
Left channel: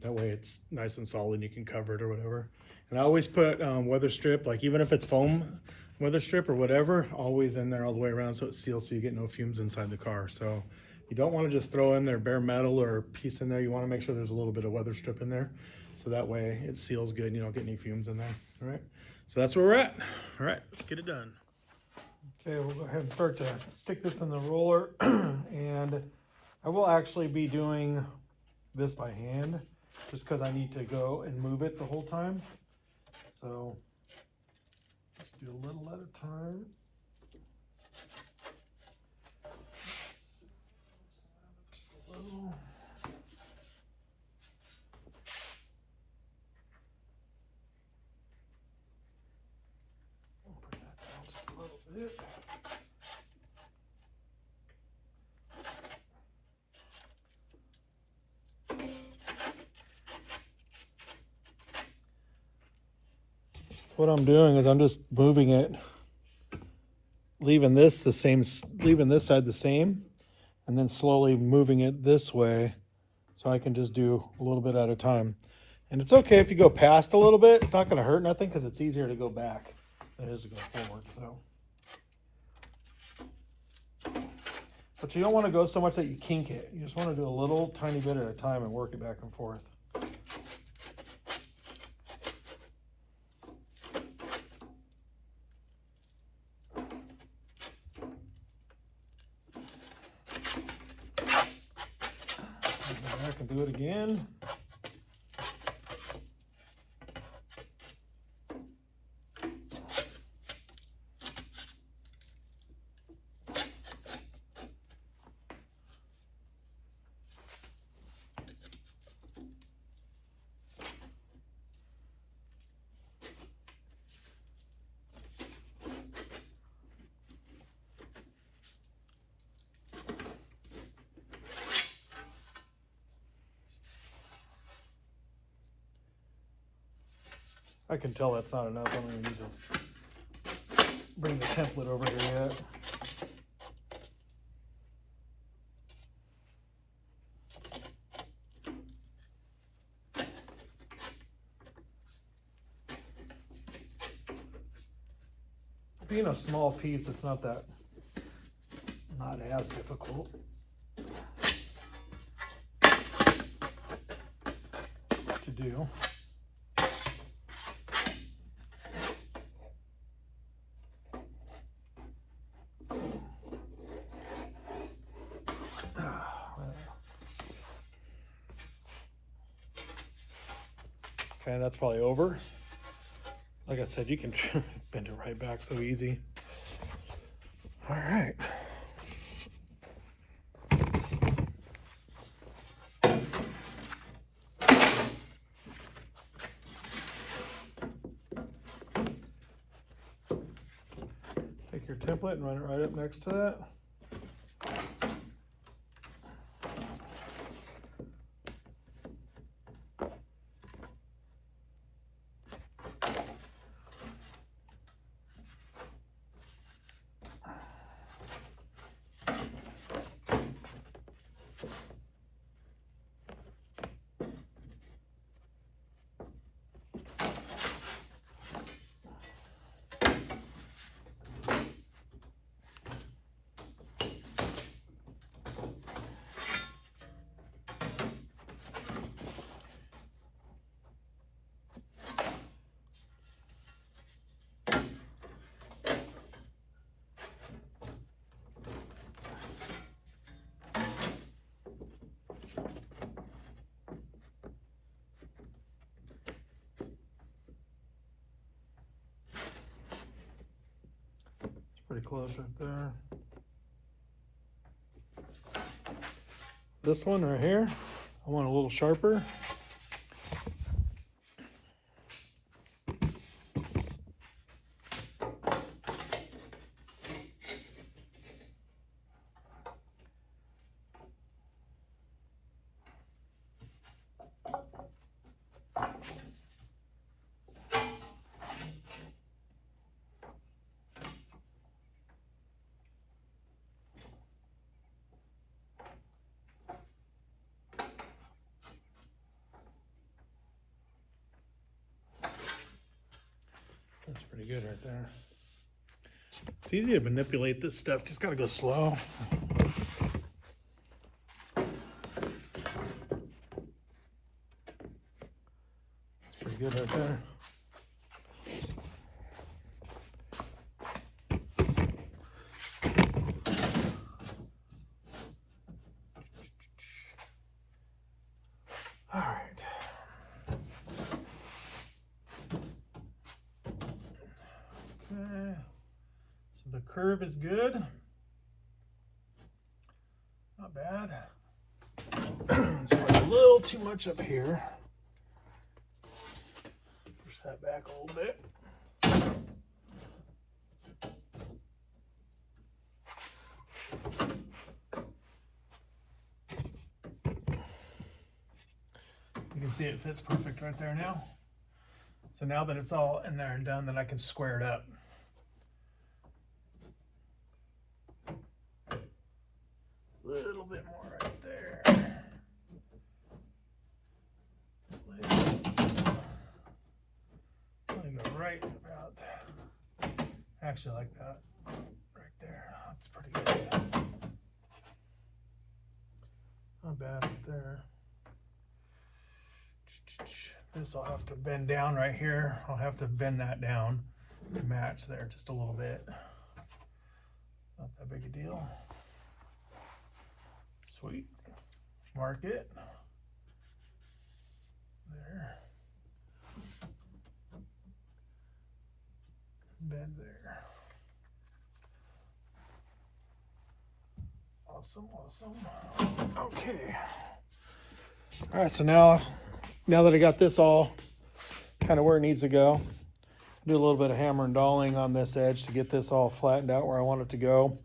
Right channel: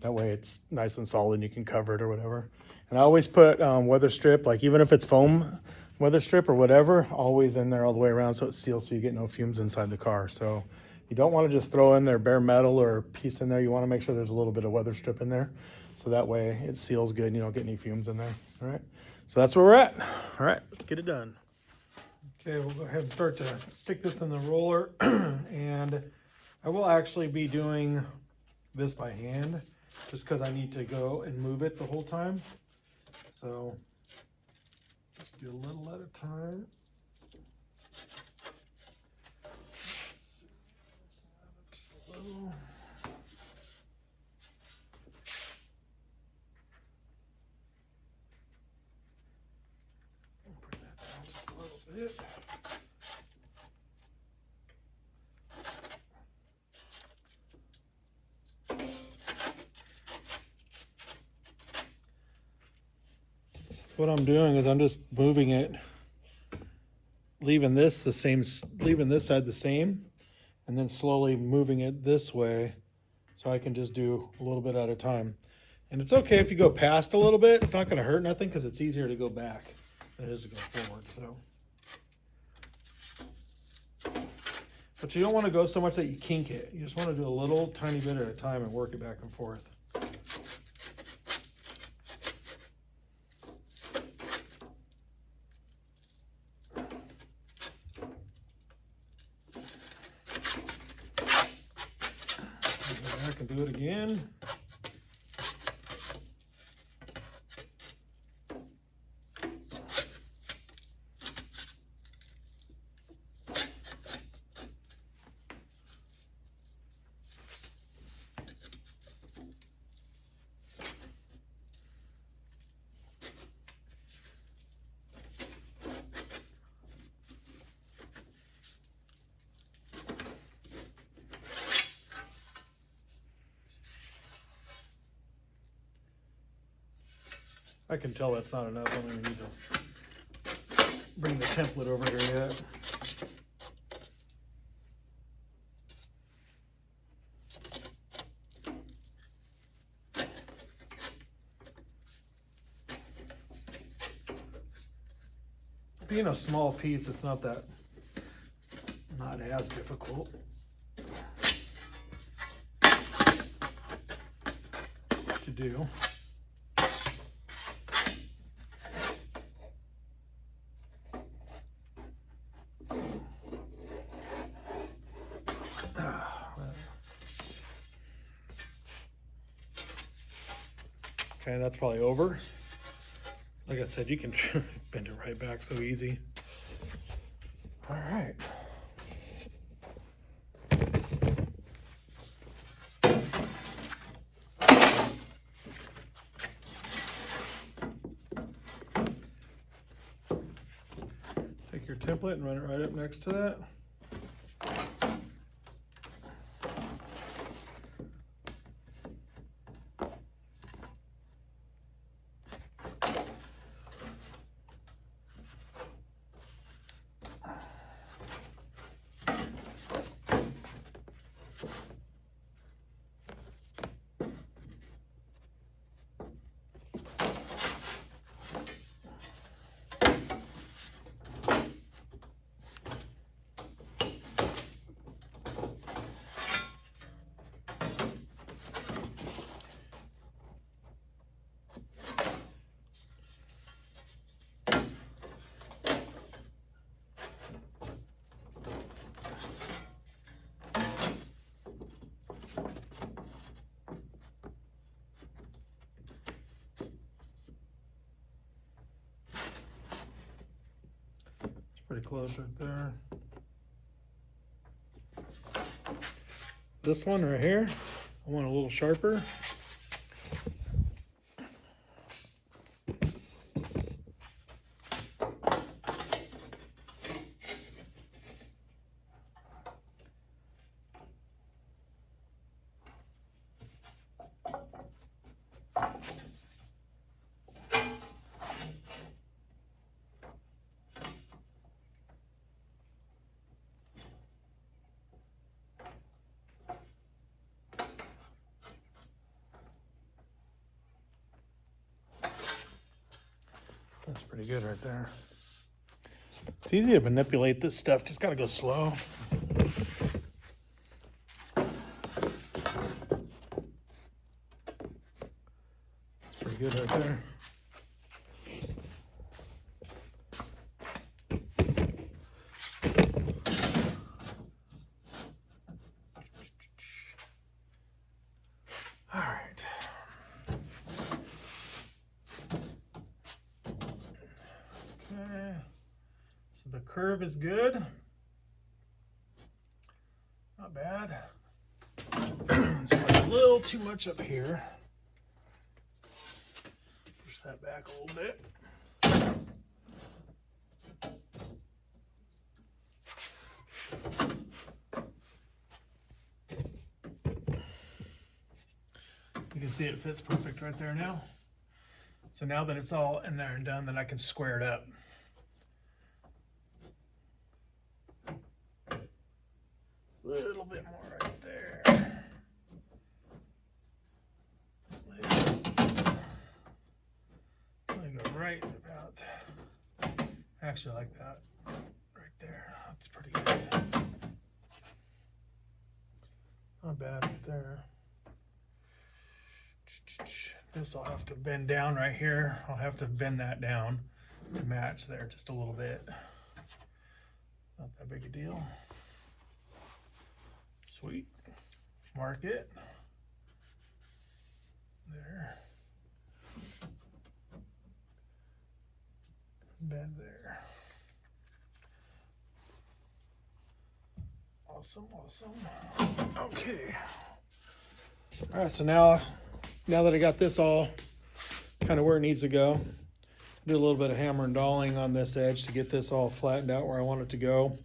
that way it's nice and solid and you can cover it or whatever. And I always put weather strip, like even if it's foam weather strip or whatever, always in there all the way around so it seals, so you get no fumes inside the car. So you don't want to just throw in there bare metal or a piece in there. You want to make sure there's a little bit of weather strip in there, so that way it seals good and you don't get any fumes in there. All right, so that's where we're at. All right, let's get it done. Okay, we'll go ahead and start to stick this in the roller. And I will actually be doing this by hand just because I need to go and move it the whole time. So just do a little at a time. Just a little. Bring that down just a little bit. What I'm doing is I'm just moving it, leaving this the same, leaving this side the same, and then slowly moving it this way so I can just do a little bit at a time. And it's okay if you go past a little bit. It's not going to hurt nothing because it's easier to go back than it is to go forward. So, but you don't want to go so much that you kink it. You just want to do a little tiny bit at a time and work it back and forth. I can do it again. I can tell that's not enough. I'm going to need to bring the template over here yet. being a small piece, it's not as difficult to do. Okay, that's probably over. Like I said, you can bend it right back so easy. All right. Take your template and run it right up next to that. Pretty close right there. This one right here, I want a little sharper. That's pretty good right there. It's easy to manipulate this stuff, just gotta go slow. That's pretty good right there. All right. Okay. So the curve is good. Not bad. So there's a little too much up here. Push that back a little bit. You can see it fits perfect right there now. So now that it's all in there and done, then I can square it up. A little bit more right there. I go right about, actually like that, right there. That's pretty good. Not bad right there. This I'll have to bend down right here. I'll have to bend that down to match there just a little bit. Not that big a deal. Sweet. Mark it. There. Bend there. Awesome, awesome. Okay. All right, so now that I got this all kind of where it needs to go, do a little bit of hammer and dolling on this edge to get this all flattened out where I want it to go.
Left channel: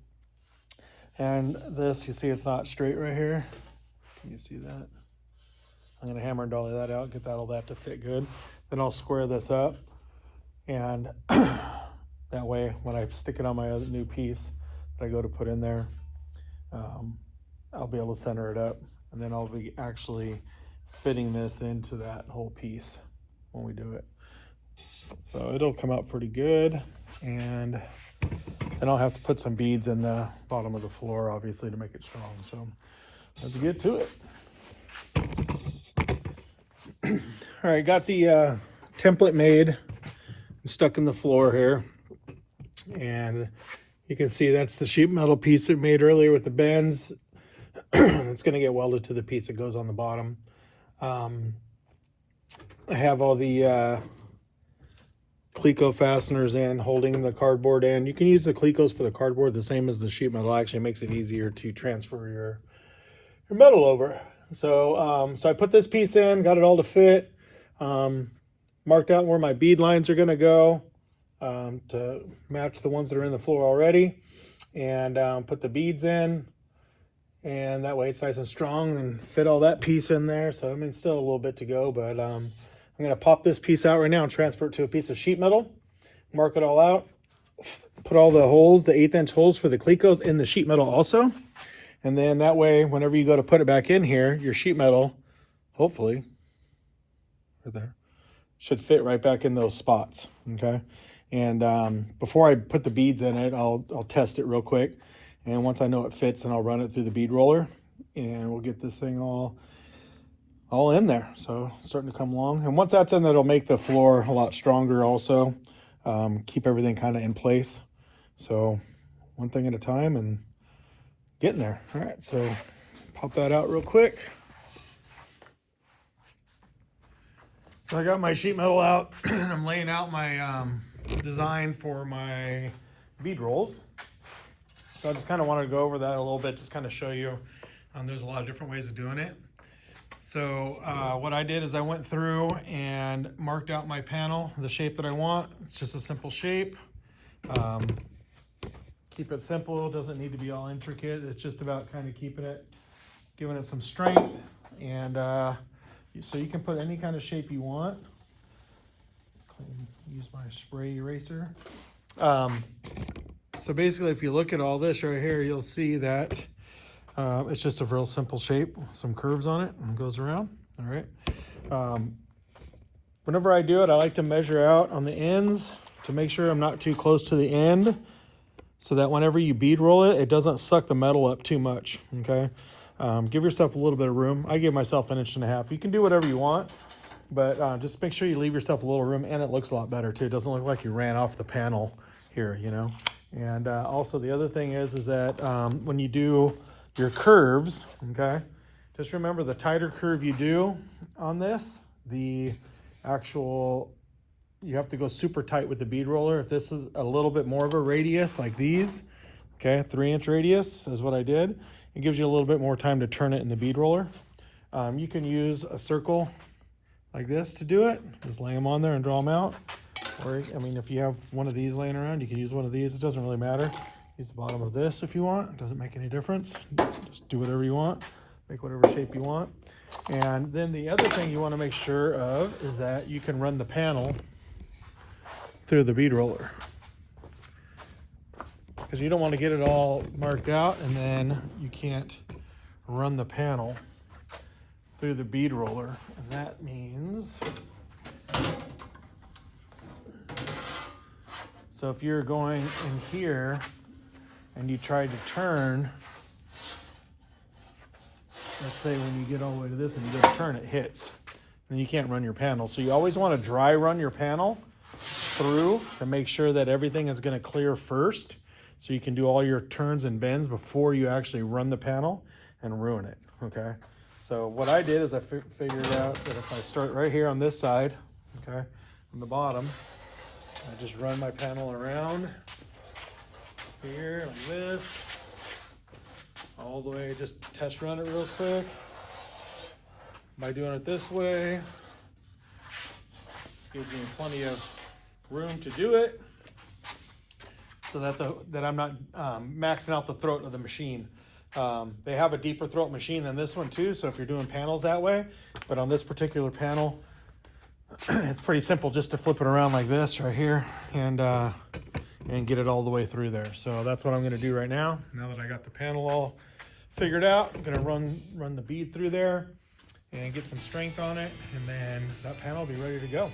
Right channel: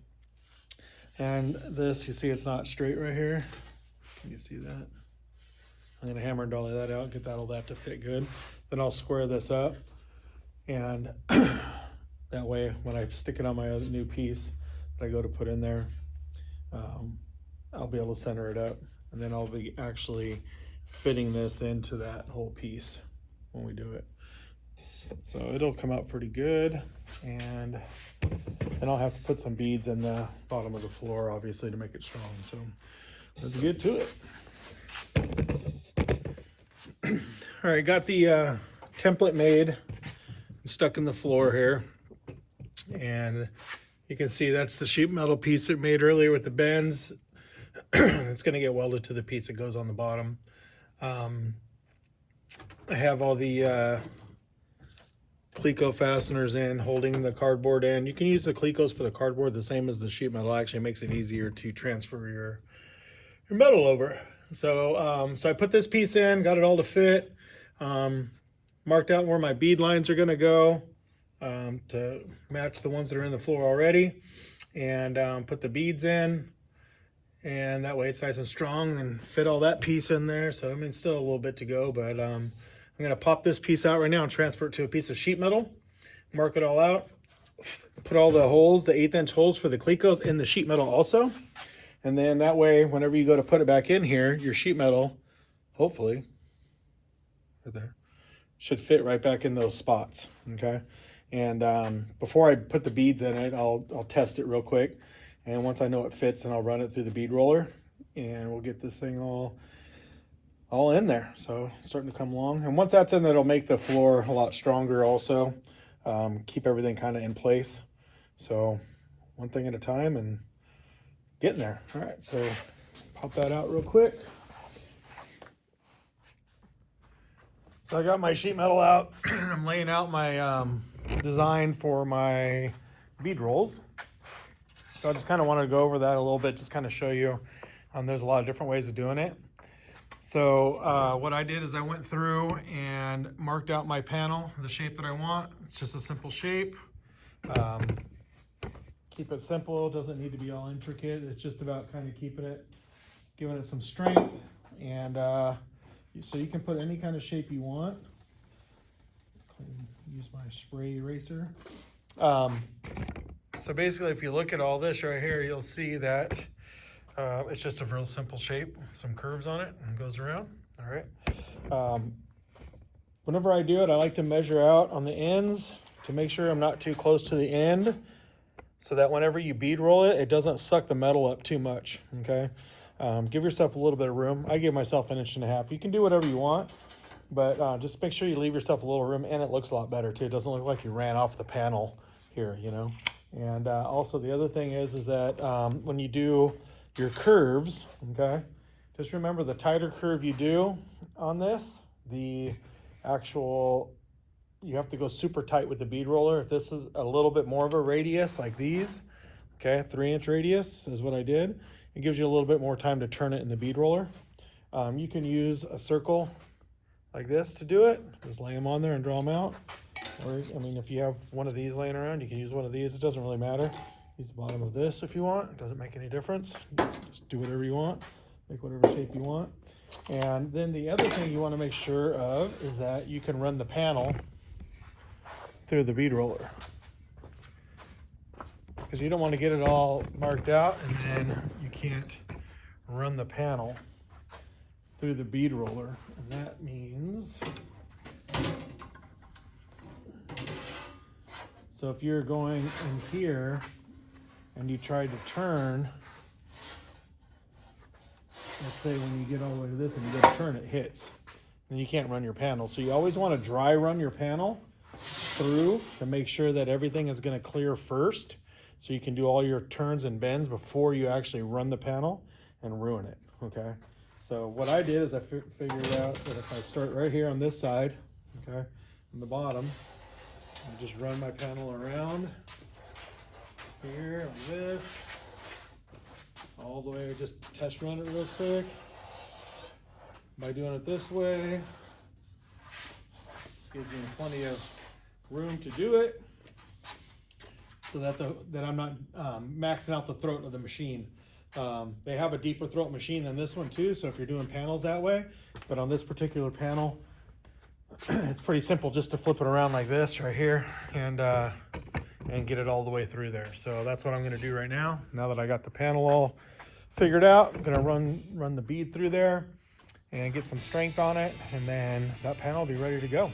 And this, you see it's not straight right here. You can see that. I'm gonna hammer and dolly that out, get all that to fit good. Then I'll square this up. And that way, when I stick it on my other new piece that I go to put in there, I'll be able to center it up. And then I'll be actually fitting this into that whole piece when we do it. So it'll come out pretty good. And then I'll have to put some beads in the bottom of the floor, obviously, to make it strong. So let's get to it. All right, got the template made, stuck in the floor here. And you can see that's the sheet metal piece it made earlier with the bends. It's going to get welded to the piece that goes on the bottom. I have all the Cleco fasteners in, holding the cardboard in. You can use the Clecos for the cardboard the same as the sheet metal. Actually makes it easier to transfer your metal over. So I put this piece in, got it all to fit, marked out where my bead lines are going to go to match the ones that are in the floor already, and put the beads in, and that way it's nice and strong, and fit all that piece in there. So I mean, still a little bit to go, but I'm going to pop this piece out right now and transfer it to a piece of sheet metal, mark it all out, put all the holes, the 1/8 inch holes for the Clecos in the sheet metal also. And then that way, whenever you go to put it back in here, your sheet metal, hopefully, right there, should fit right back in those spots, okay? And before I put the beads in it, I'll test it real quick. And once I know it fits, then I'll run it through the bead roller, and we'll get this thing all in there. So it's starting to come along. And once that's in, that'll make the floor a lot stronger also. Keep everything kind of in place. So one thing at a time and getting there. All right, so pop that out real quick. So I got my sheet metal out. I'm laying out my design for my bead rolls. So I just kind of wanted to go over that a little bit, just kind of show you. There's a lot of different ways of doing it. So what I did is I went through and marked out my panel, the shape that I want. It's just a simple shape. Keep it simple, doesn't need to be all intricate. It's just about kind of keeping it, giving it some strength. And so you can put any kind of shape you want. Use my spray eraser. So basically, if you look at all this right here, you'll see that it's just a real simple shape, some curves on it, and it goes around. All right. Whenever I do it, I like to measure out on the ends to make sure I'm not too close to the end, so that whenever you bead roll it, it doesn't suck the metal up too much, okay? Give yourself a little bit of room. I give myself 1.5 inches. You can do whatever you want, but just make sure you leave yourself a little room, and it looks a lot better too. It doesn't look like you ran off the panel here, you know? And also the other thing is that when you do your curves, okay, just remember the tighter curve you do on this, the actual, you have to go super tight with the bead roller. If this is a little bit more of a radius like these, okay, 3-inch radius is what I did. It gives you a little bit more time to turn it in the bead roller. You can use a circle like this to do it. Just lay them on there and draw them out. Or, I mean, if you have one of these laying around, you can use one of these. It doesn't really matter. Use the bottom of this if you want. It doesn't make any difference. Just do whatever you want. Make whatever shape you want. And then the other thing you want to make sure of is that you can run the panel through the bead roller. Because you don't want to get it all marked out and then you can't run the panel through the bead roller. And that means, so if you're going in here and you try to turn, let's say when you get all the way to this and you go to turn, it hits. And you can't run your panel. So you always want to dry run your panel through to make sure that everything is going to clear first. So you can do all your turns and bends before you actually run the panel and ruin it, okay? So what I did is I figured out that if I start right here on this side, okay, on the bottom, I just run my panel around here like this, all the way, just test run it real quick. By doing it this way, gives me plenty of room to do it so that I'm not maxing out the throat of the machine. They have a deeper throat machine than this one too, so if you're doing panels that way, but on this particular panel, it's pretty simple just to flip it around like this right here and get it all the way through there. So that's what I'm gonna do right now. Now that I got the panel all figured out, I'm gonna run the bead through there and get some strength on it, and then that panel will be ready to go.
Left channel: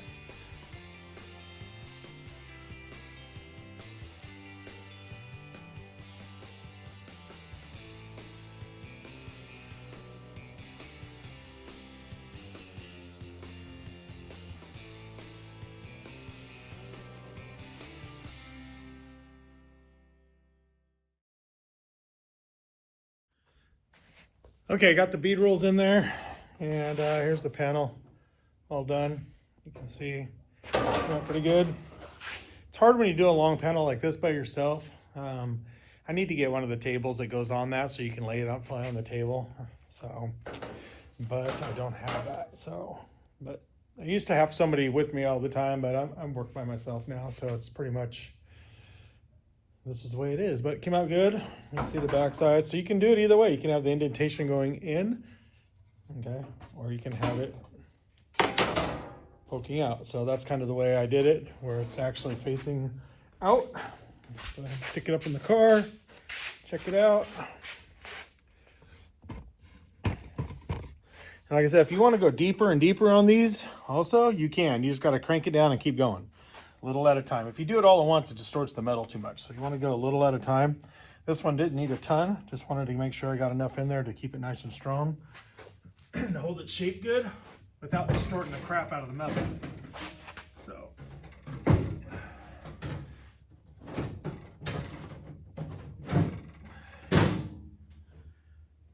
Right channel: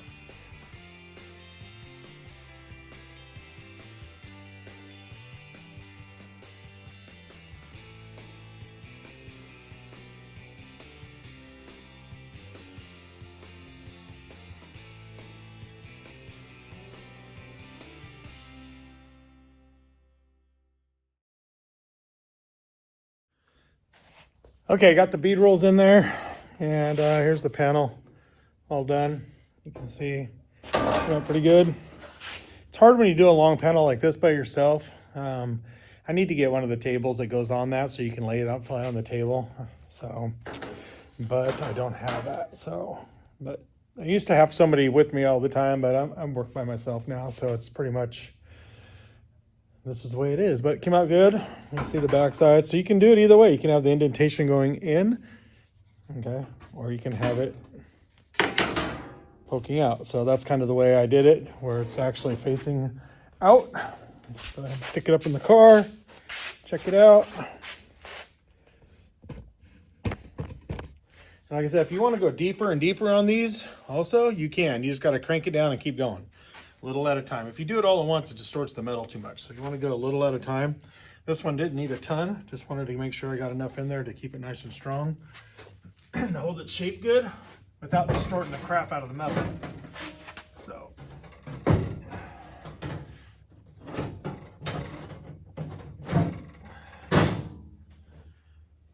Okay, got the bead rolls in there, and here's the panel all done. You can see pretty good. It's hard when you do a long panel like this by yourself. I need to get one of the tables that goes on that so you can lay it out flat on the table. So, but I don't have that. So, but I used to have somebody with me all the time, but I'm working by myself now. So it's pretty much, this is the way it is, but it came out good. You can see the back side. So you can do it either way. You can have the indentation going in, okay, or you can have it poking out. So that's kind of the way I did it, where it's actually facing out. So I stick it up in the car, check it out. And like I said, if you want to go deeper and deeper on these, also, you can. You just got to crank it down and keep going, a little at a time. If you do it all at once, it distorts the metal too much. So you want to go a little at a time. This one didn't need a ton. Just wanted to make sure I got enough in there to keep it nice and strong and to hold it shaped good without distorting the crap out of the metal. So.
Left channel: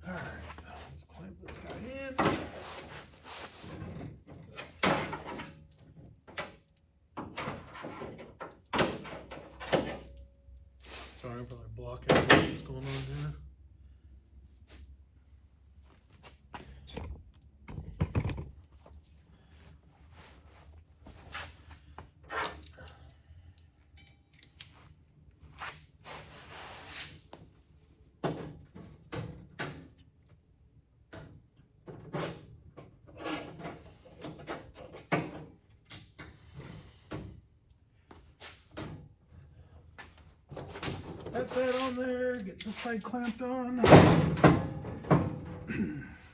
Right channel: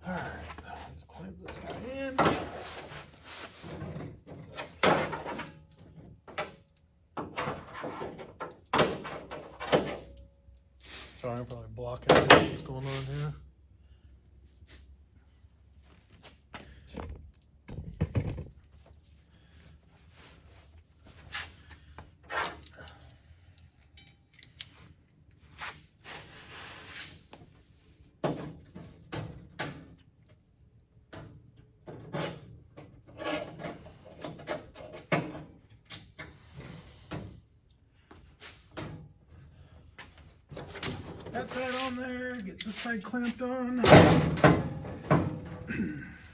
All right, let's clamp this guy in. Sorry, I'm probably blocking what's going on here. That's that on there. Get this side clamped on.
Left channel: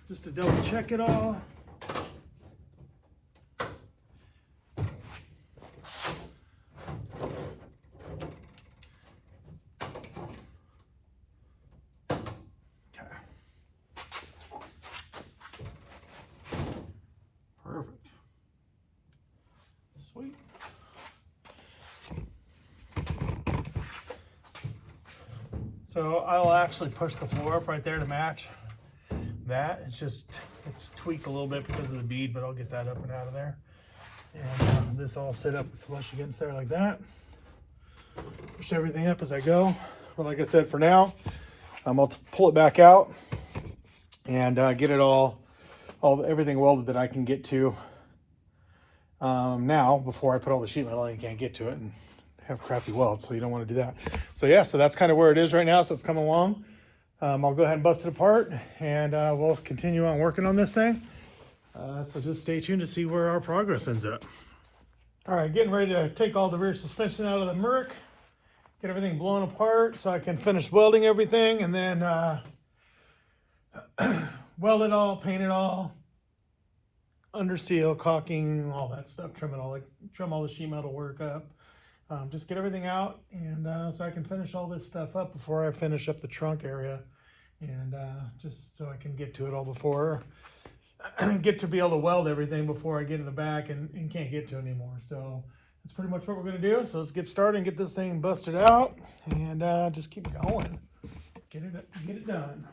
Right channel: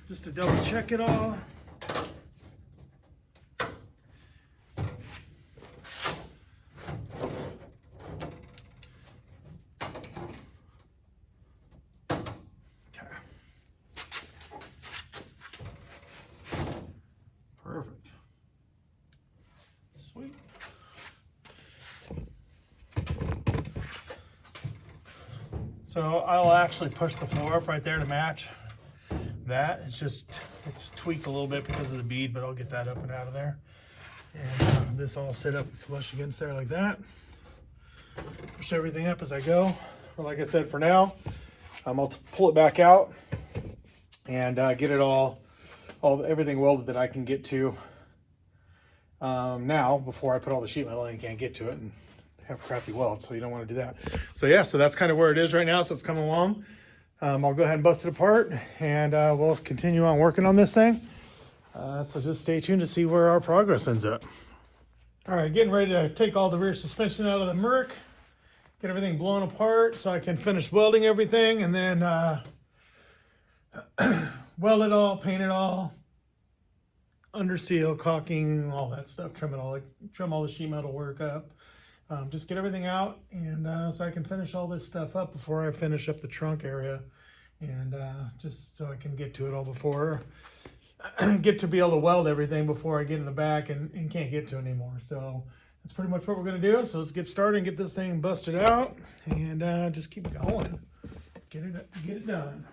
Just to double check it all. Okay. Perfect. Sweet. So I'll actually push the floor up right there to match that. It's tweaked a little bit because of the bead, but I'll get that up and out of there. And this all set up flush against there like that. Push everything up as I go. Well, like I said, for now, I'll pull it back out and get it everything welded that I can get to now before I put all the sheet metal in. You can't get to it and have crappy welds, so you don't want to do that. So yeah, so that's kind of where it is right now. So it's coming along. I'll go ahead and bust it apart, and we'll continue on working on this thing. So just stay tuned to see where our progress ends up. All right, getting ready to take all the rear suspension out of the Merc, get everything blown apart so I can finish welding everything, and then weld it all, paint it all, under seal, caulking, all that stuff, trim all the sheet metal work up. Just get everything out, and so I can finish all this stuff up before I finish up the trunk area, and just so I can get to it all before get to be able to weld everything before I get in the back and can't get to it anymore. So that's pretty much what we're gonna do. So let's get started and get this thing busted out, and just keep going, get it done.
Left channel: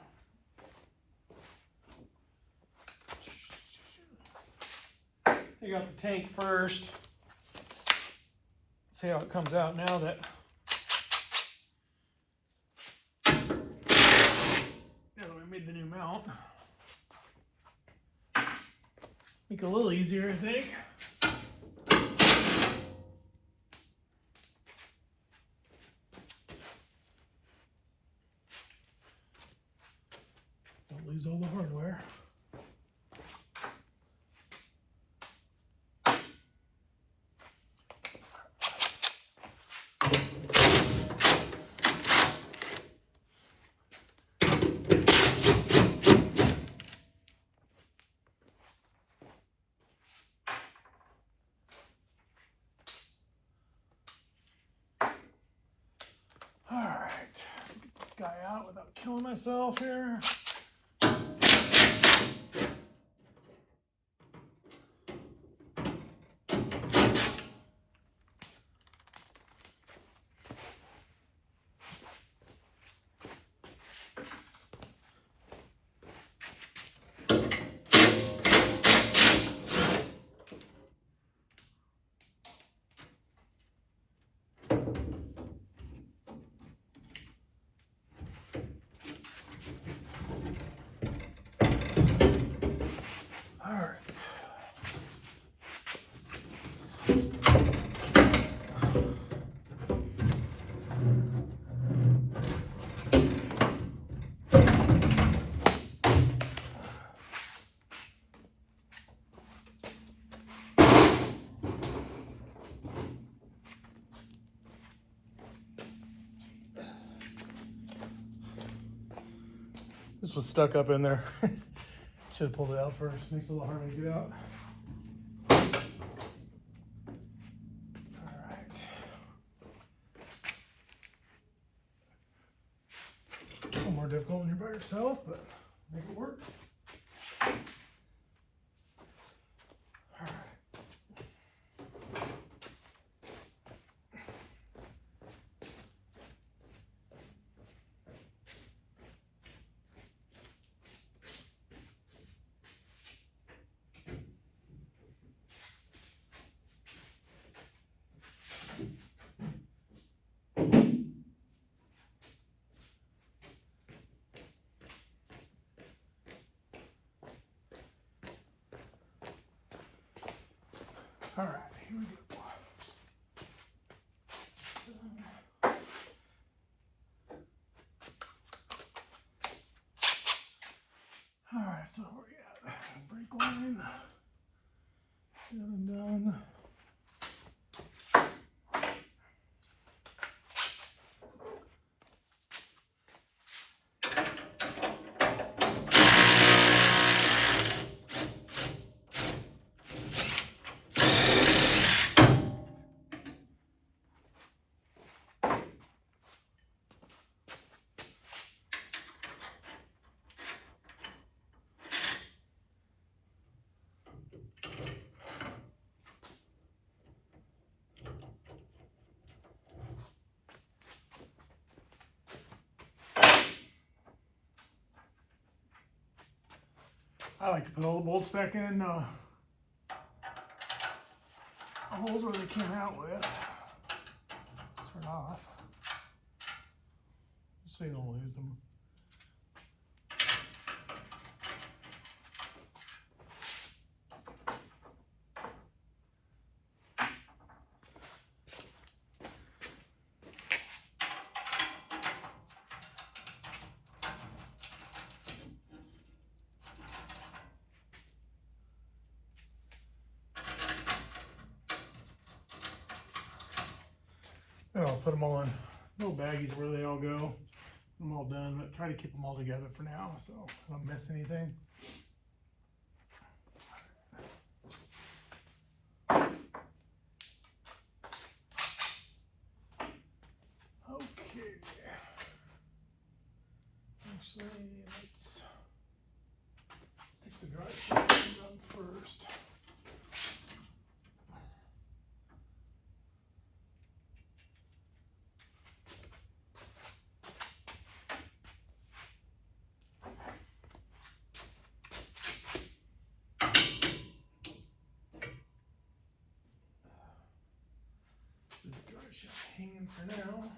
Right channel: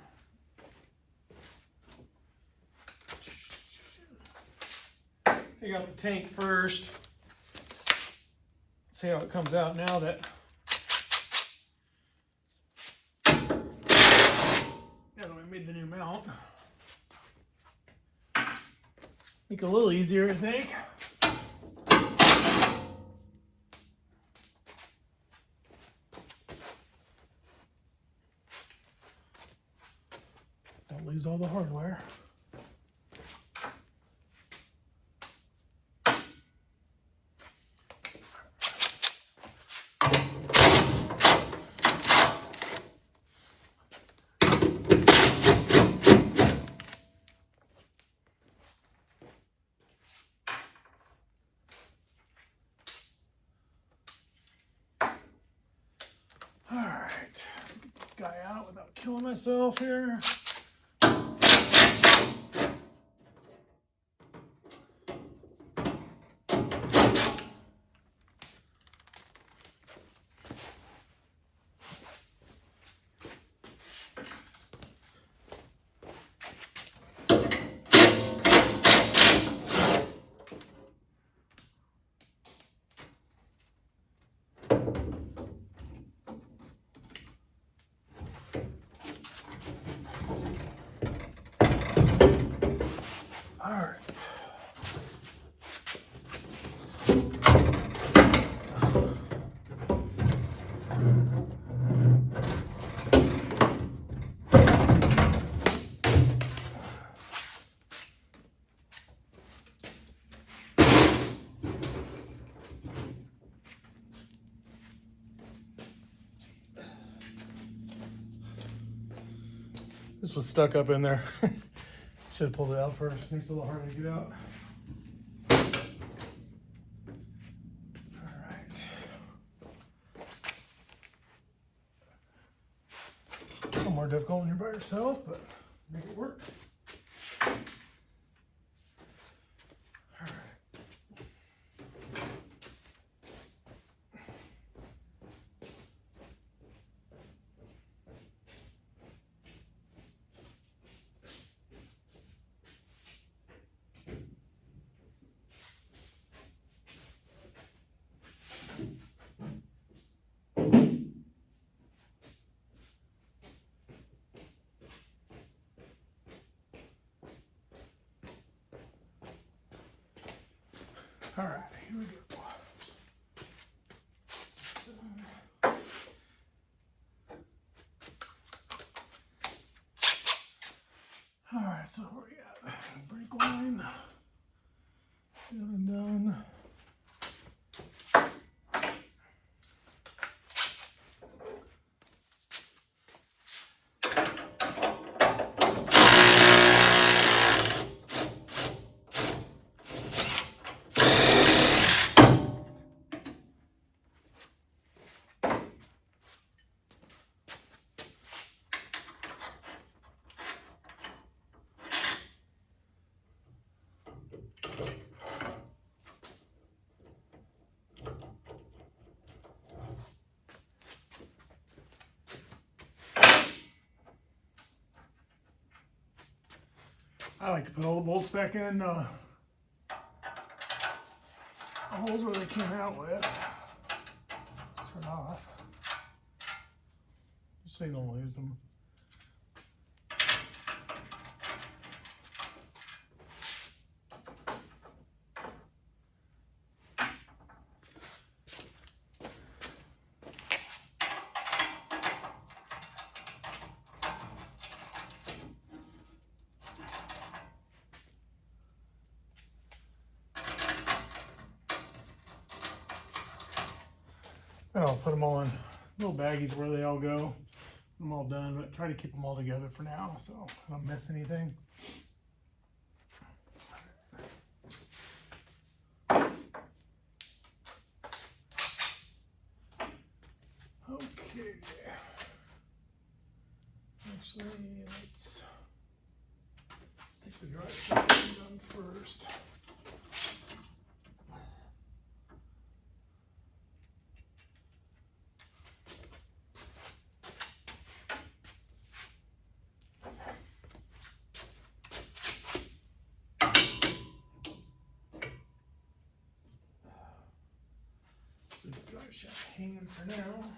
Take out the tank first. See how it comes out now that we made the new mount. Make it a little easier, I think. Don't lose all the hardware. Guy out without killing myself here. This was stuck up in there. Should have pulled it out first. Makes it a little harder to get out. All right. A little more difficult when you're by yourself, but make it work. All right, here we go. All right, so where we at? Brake line. Done and done. I like to put all the bolts back in holes where they came out with. Turn off, just so you don't lose them. And I'll put them all in little baggies where they all go. I'm all done, but try to keep them all together for now so I don't miss anything. Okay. Actually, let's get the drive shaft done first. Shaft hanging for now.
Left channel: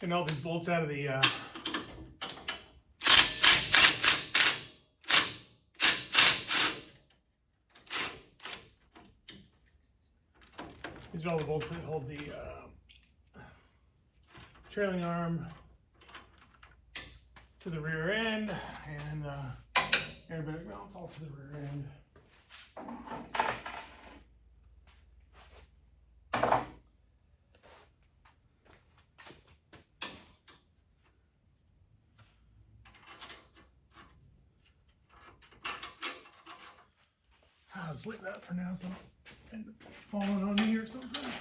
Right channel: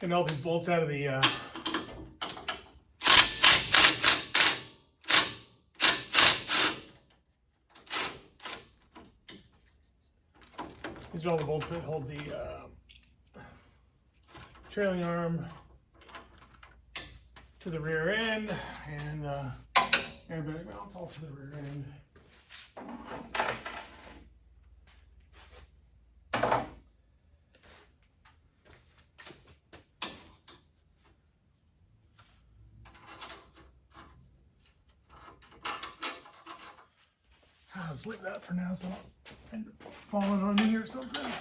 Getting all these bolts out of the these are all the bolts that hold the trailing arm to the rear end, and airbag mounts all to the rear end. I'll just leave that for now so I don't end up falling on me or something.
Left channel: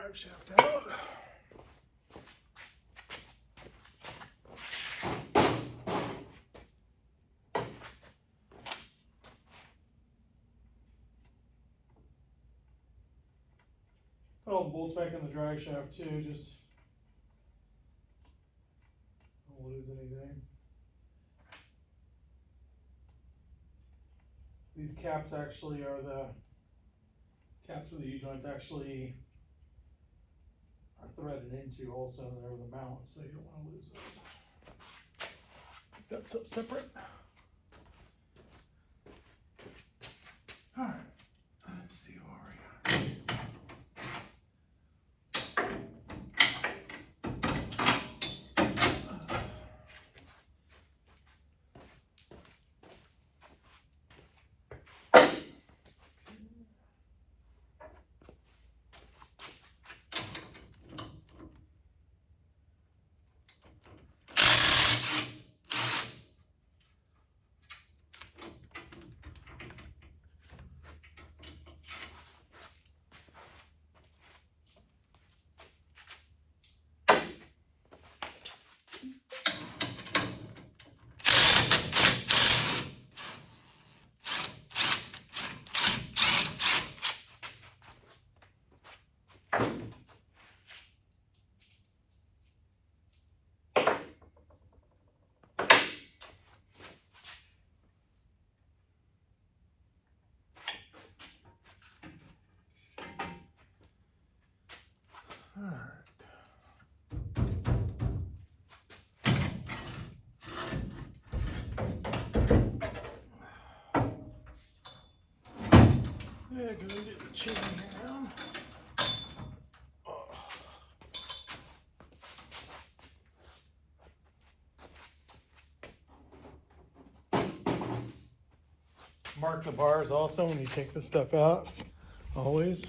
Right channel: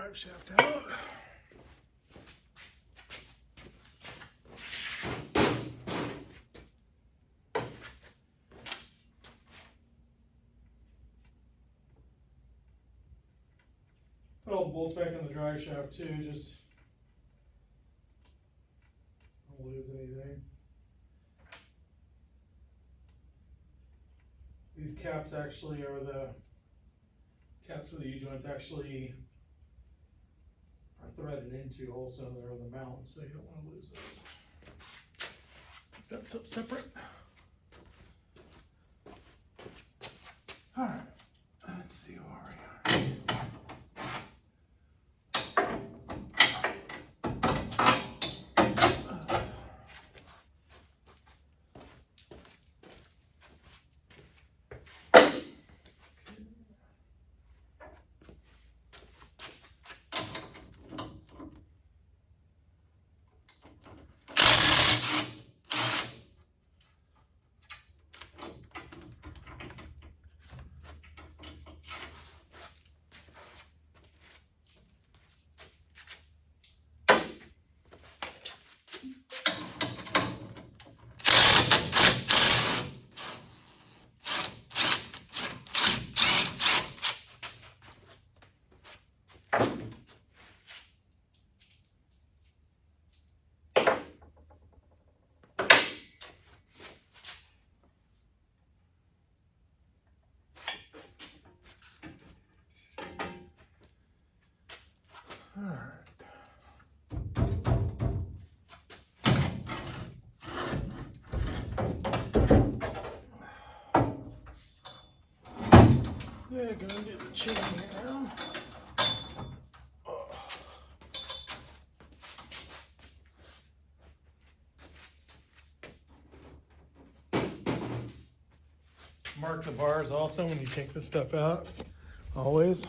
drive shaft out. Put all the bolts back in the drive shaft too, just don't lose anything. These caps actually are the caps for the U-joints actually are threaded into also, and they're the mount, so you don't want to lose those. Keep that stuff separate. All right, let's see where we are. All right. Yeah, gonna do the chain here now. Mark the bars also when you take this stuff out, always.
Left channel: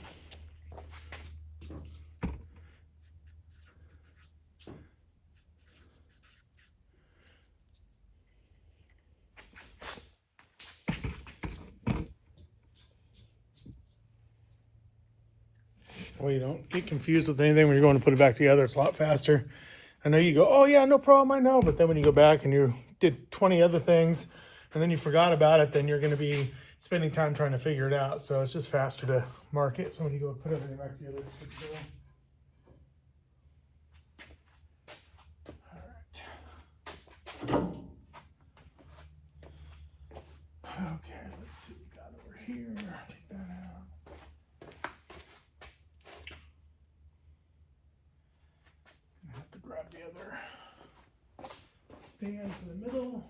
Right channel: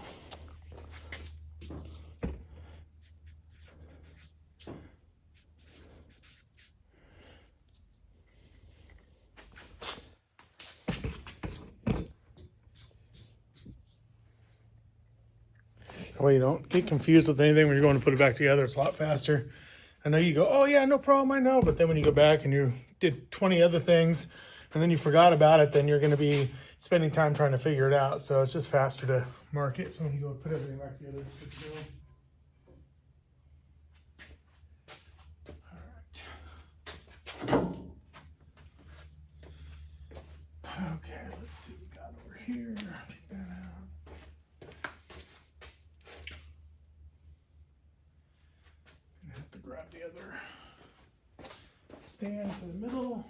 That way you don't get confused with anything when you're going to put it back together. It's a lot faster. I know you go, oh yeah, no problem, I know. But then when you go back and you did 20 other things and then you forgot about it, then you're going to be spending time trying to figure it out. So it's just faster to mark it. So when you go put everything back together, it's good to go. Okay, let's see what we got over here. Take that out. I have to grab the other stand for the middle.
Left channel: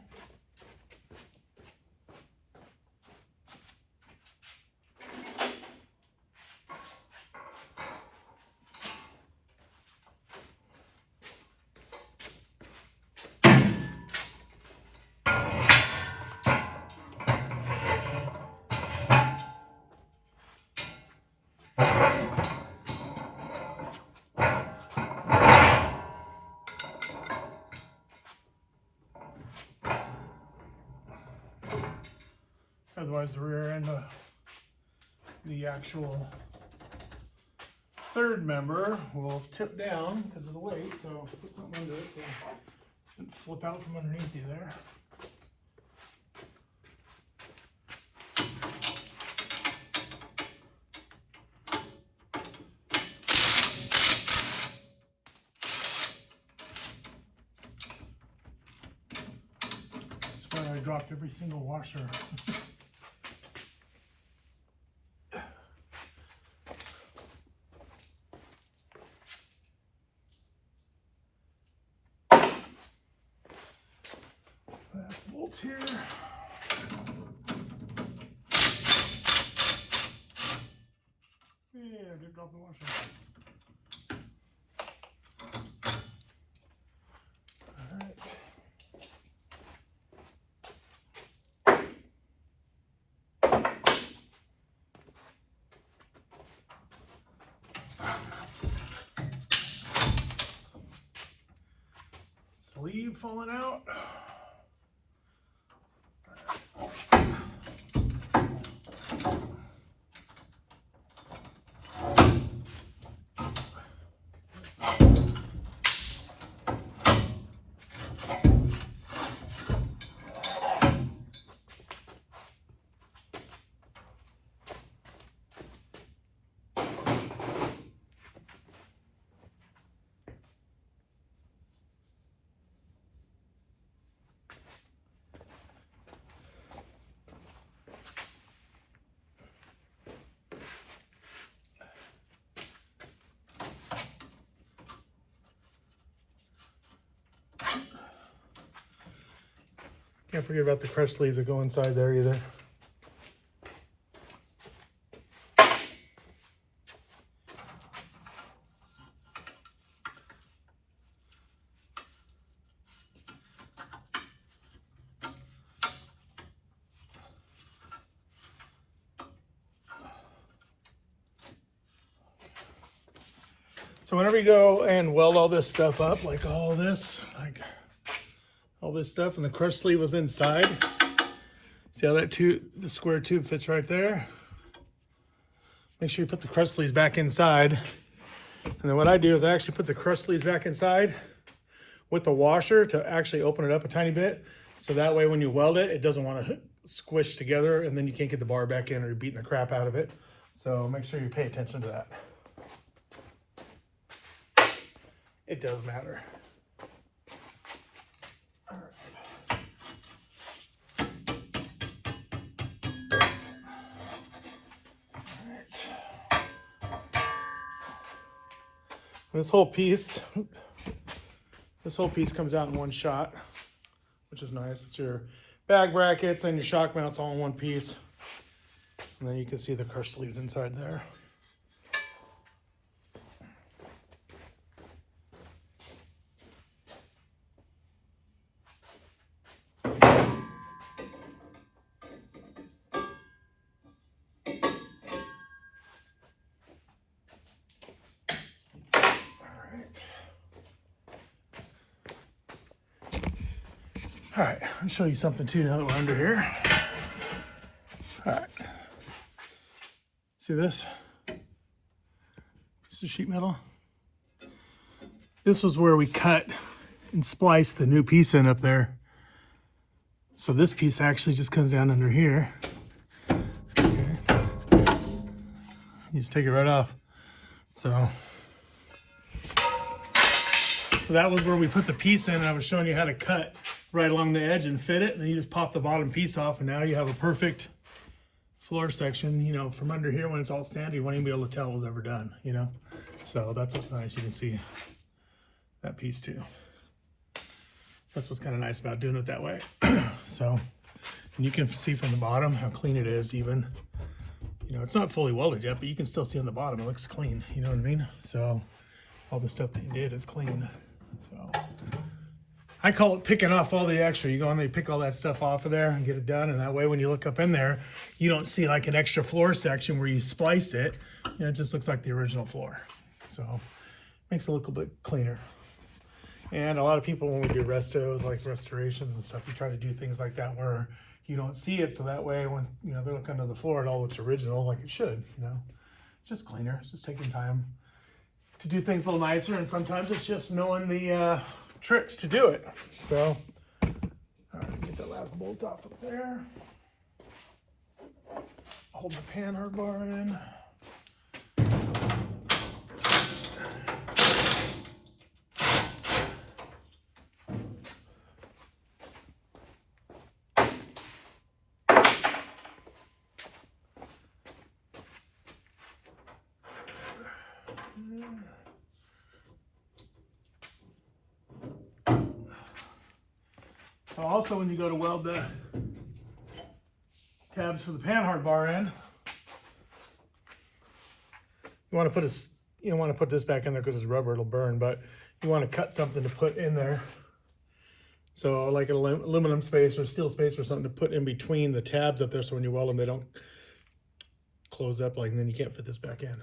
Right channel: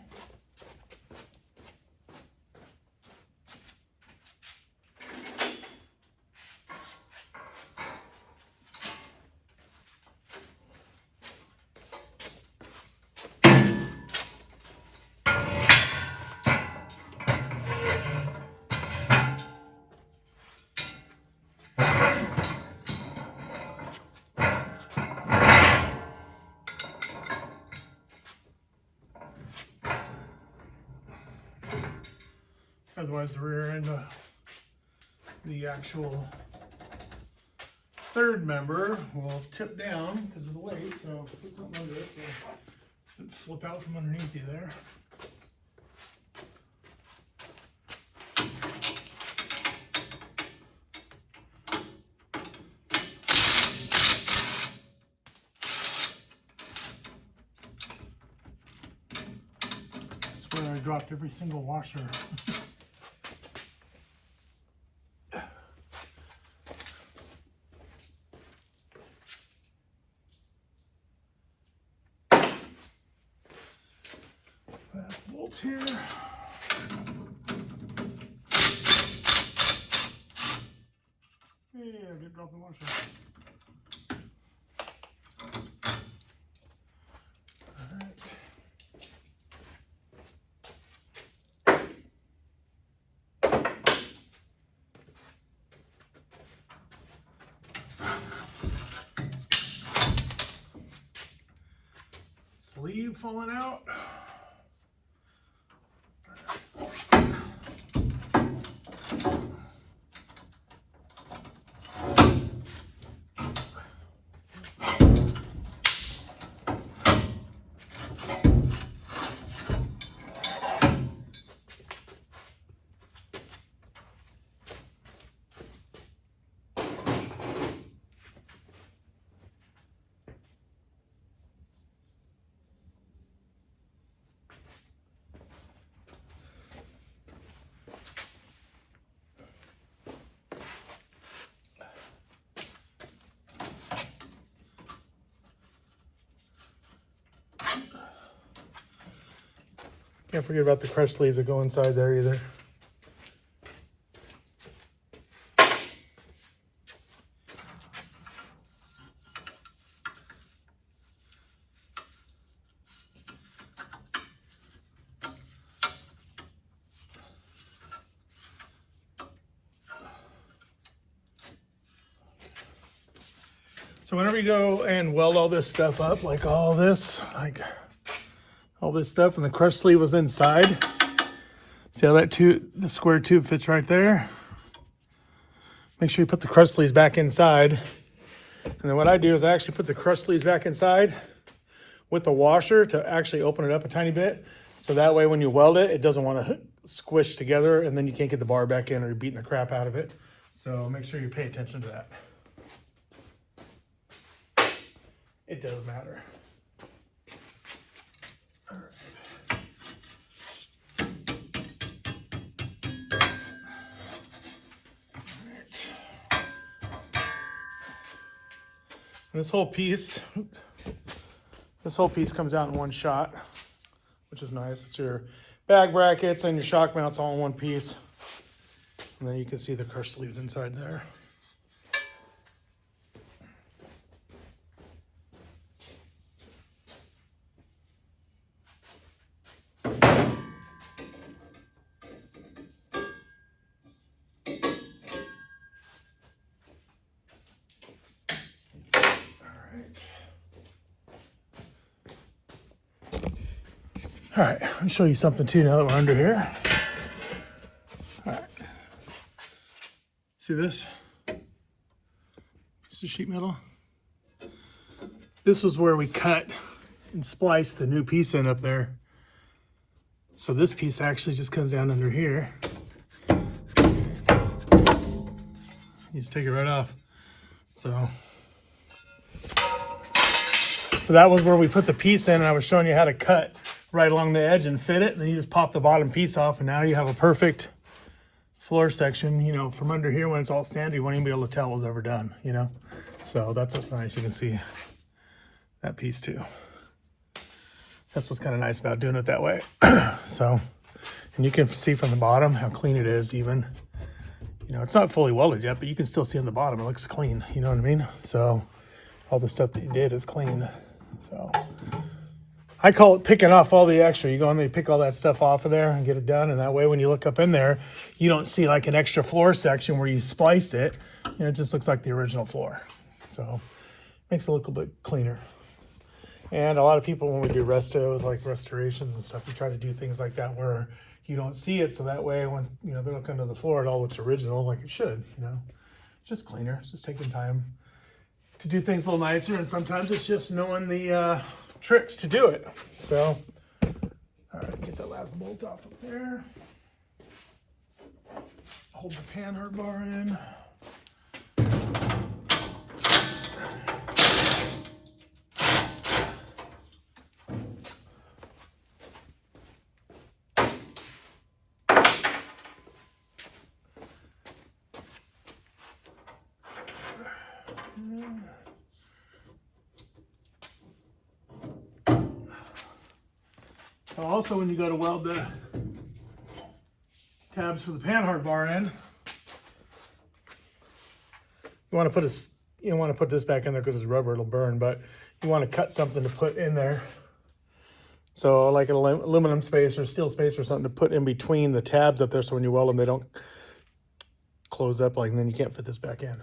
Otherwise, the rear end of the actual third member will tip down because of the weight. So put something under it so it doesn't flip out from underneath you there. I swear I dropped every single washer. Bolt here. Yeah, I did drop the washer. All right. Sleeve falling out. Can't forget about the crushed sleeves that go inside there either. So whenever you go and weld all this stuff up, like all this stuff, and the crush sleeve was inside. See how that the square tube fits right there? Make sure you put the crush sleeves back inside. And then what I do is I actually put the crush sleeves back inside with the washer to actually open it up a tiny bit. So that way when you weld it, it doesn't want to squish together and then you can't get the bar back in or you're beating the crap out of it. So make sure you pay attention to that. It does matter. All right. This whole piece comes out in one shot, which is nice. It's your bag brackets and your shock mounts all in one piece. And then you can see the crush sleeves inside there. All right, let me show you something too now that we're under here. All right, see this? Piece of sheet metal. This was where we cut and spliced the new piece in up there. So this piece actually just comes down under here. You just take it right off. So that was where we put the piece in, and I was showing you how to cut right along the edge and fit it. And then you just pop the bottom piece off, and now you have a perfect floor section. You know, from under here when it's all sandy, you won't even be able to tell it was ever done, you know? So that's what's nice. You can see that piece too. That's what's kind of nice about doing it that way. So, and you can see from the bottom how clean it is even. You know, it's not fully welded yet, but you can still see on the bottom, it looks clean, you know what I mean? So all the stuff that you did is clean. So I call it picking off all the extra. You go in there, you pick all that stuff off of there and get it done. And that way, when you look up in there, you don't see like an extra floor section where you spliced it. You know, it just looks like the original floor. So makes it look a bit cleaner. And a lot of people, when we do restos, like restorations and stuff, we try to do things like that where you don't see it. So that way, when you know they look under the floor, it all looks original, like it should. You know, just cleaner. It's just taking time to do things a little nicer. And sometimes it's just knowing the tricks to do it. So, all right, get that last bolt off of there. Hold the panhard bar in. Also, when you go to weld the tabs for the panhard bar in, you want to put this back in there because it's rubber, it'll burn, but you want to cut something to put in there. So like an aluminum space or steel space or something to put in between the tabs up there, so when you weld them, they don't close up like, and then you can't fit this back in.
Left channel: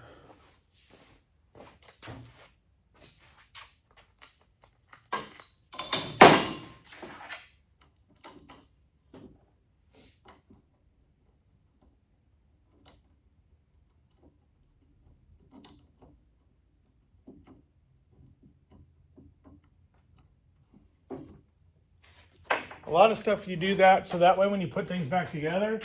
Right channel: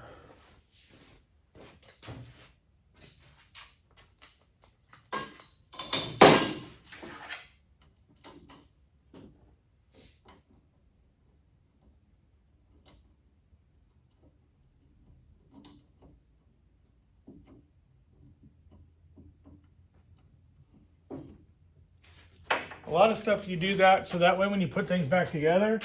A lot of stuff you do that, so that way when you put things back together,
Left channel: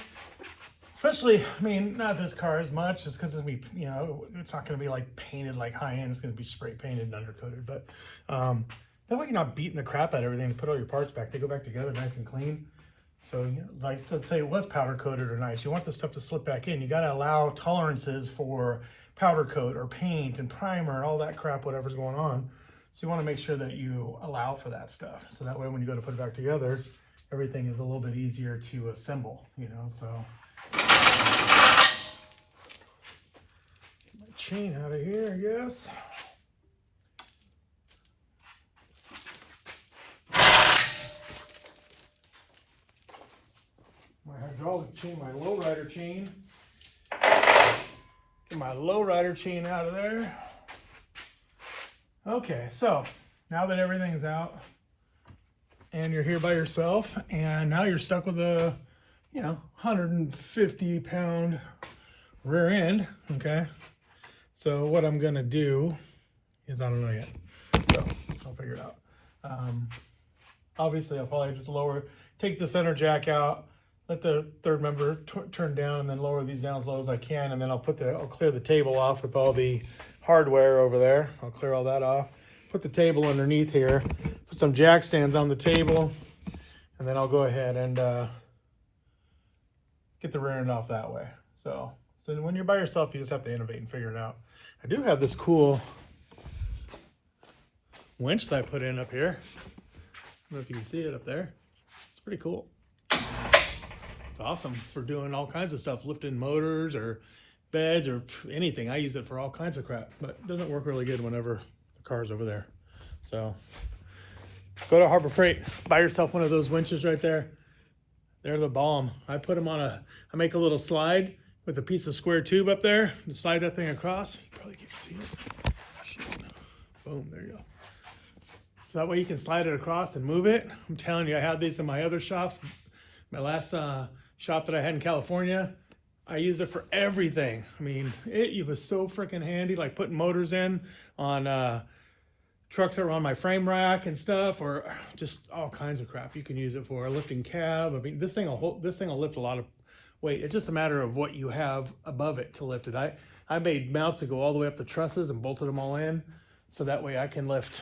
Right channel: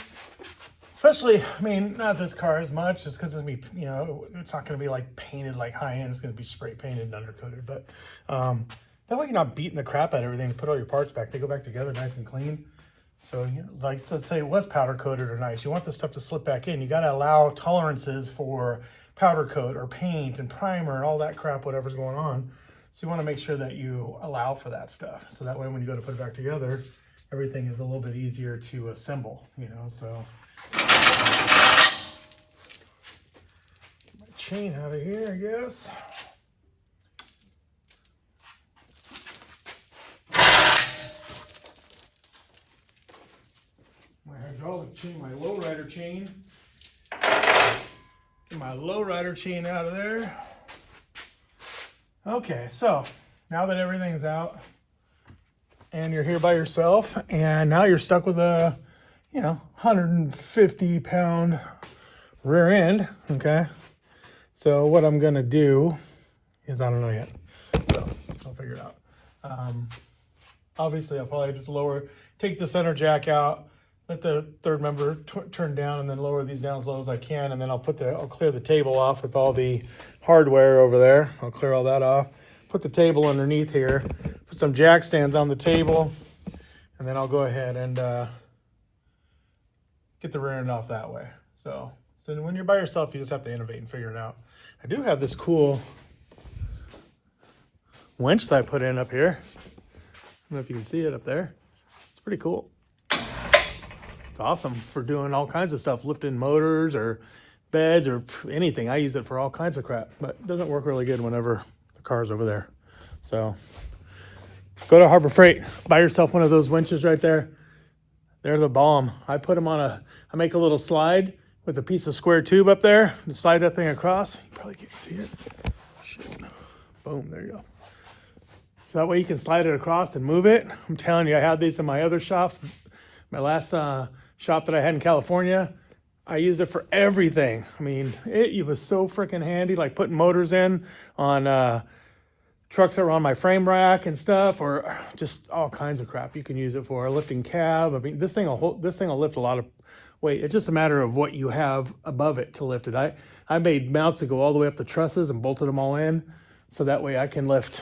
especially, I mean, not this car as much, just because it's gonna be, you know, it's not gonna be like painted like high end, it's gonna be spray painted and undercoated, but that way you're not beating the crap out of everything to put all your parts back. They go back together nice and clean. So, you know, like let's say it was powder coated or nice, you want the stuff to slip back in. You gotta allow tolerances for powder coat or paint and primer and all that crap, whatever's going on. So you want to make sure that you allow for that stuff. So that way when you go to put it back together, everything is a little bit easier to assemble, you know, so. Get my chain out of here, I guess. My hydraulic chain, my lowrider chain. Get my lowrider chain out of there. Okay, so now that everything's out and you're here by yourself, and now you're stuck with a, you know, 150-pound rear end, okay? So what I'm gonna do is, I don't know yet, so I'll figure it out. Obviously, I'll probably just take the center jack out, let the third member turn down, and then lower these down as low as I can, and then I'll clear the table off with all the hardware over there. I'll clear all that off. Put the table underneath here. Put some jack stands on the table, and then I'll go ahead and get the rear end off that way. So when you're by yourself, you just have to innovate and figure it out. I do have this cool winch that I put in up here. I don't know if you can see it up there. It's pretty cool. It's awesome for doing all kinds of stuff, lifting motors or beds or anything. I use it for all kinds of crap, but it doesn't work really good whenever the car's over there. So go to Harbor Freight, buy yourself one of those winches right there. They're the bomb. I put them on I make a little slide with a piece of square tube up there and slide that thing across. You probably can't see it. Shit. Boom, there you go. So that way you can slide it across and move it. I'm telling you, I have these in my other shops. My last shop that I had in California, I use it for everything. I mean, it was so freaking handy, like putting motors in on trucks that were on my frame rack and stuff, or just all kinds of crap you can use it for. Lifting cab. I mean, this thing will lift a lot of weight. It's just a matter of what you have above it to lift it. I made mounts that go all the way up the trusses and bolted them all in, so that way I can lift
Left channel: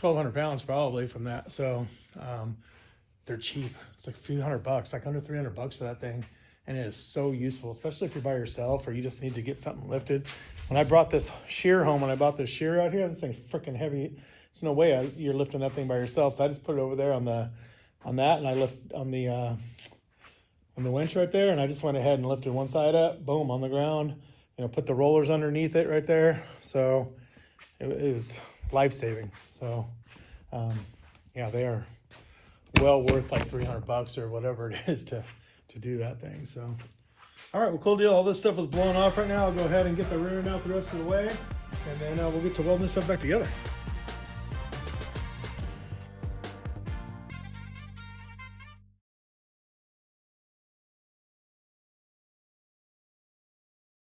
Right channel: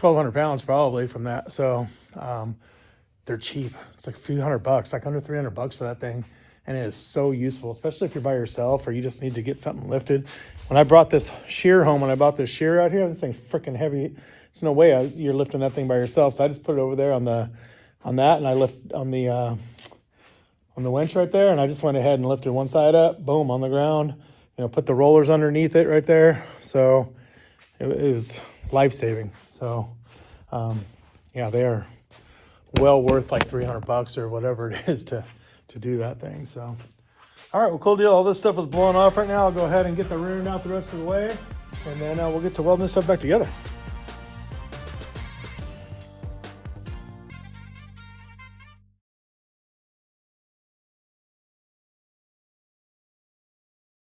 1,200 pounds probably from that. So they're cheap. It's like a few $100, like under $300 for that thing. And it is so useful, especially if you're by yourself or you just need to get something lifted. When I brought this shear home, when I bought this shear out here, this thing's freaking heavy. There's no way you're lifting that thing by yourself. So I just put it over there on that, and I lift on the winch right there, and I just went ahead and lifted one side up, boom, on the ground. You know, put the rollers underneath it right there. So it was life-saving. So yeah, they are well worth like $300 or whatever it is to do that thing. So all right, well, cool deal. All this stuff is blowing off right now. I'll go ahead and get the rear end out the rest of the way, and then we'll get to welding this stuff back together.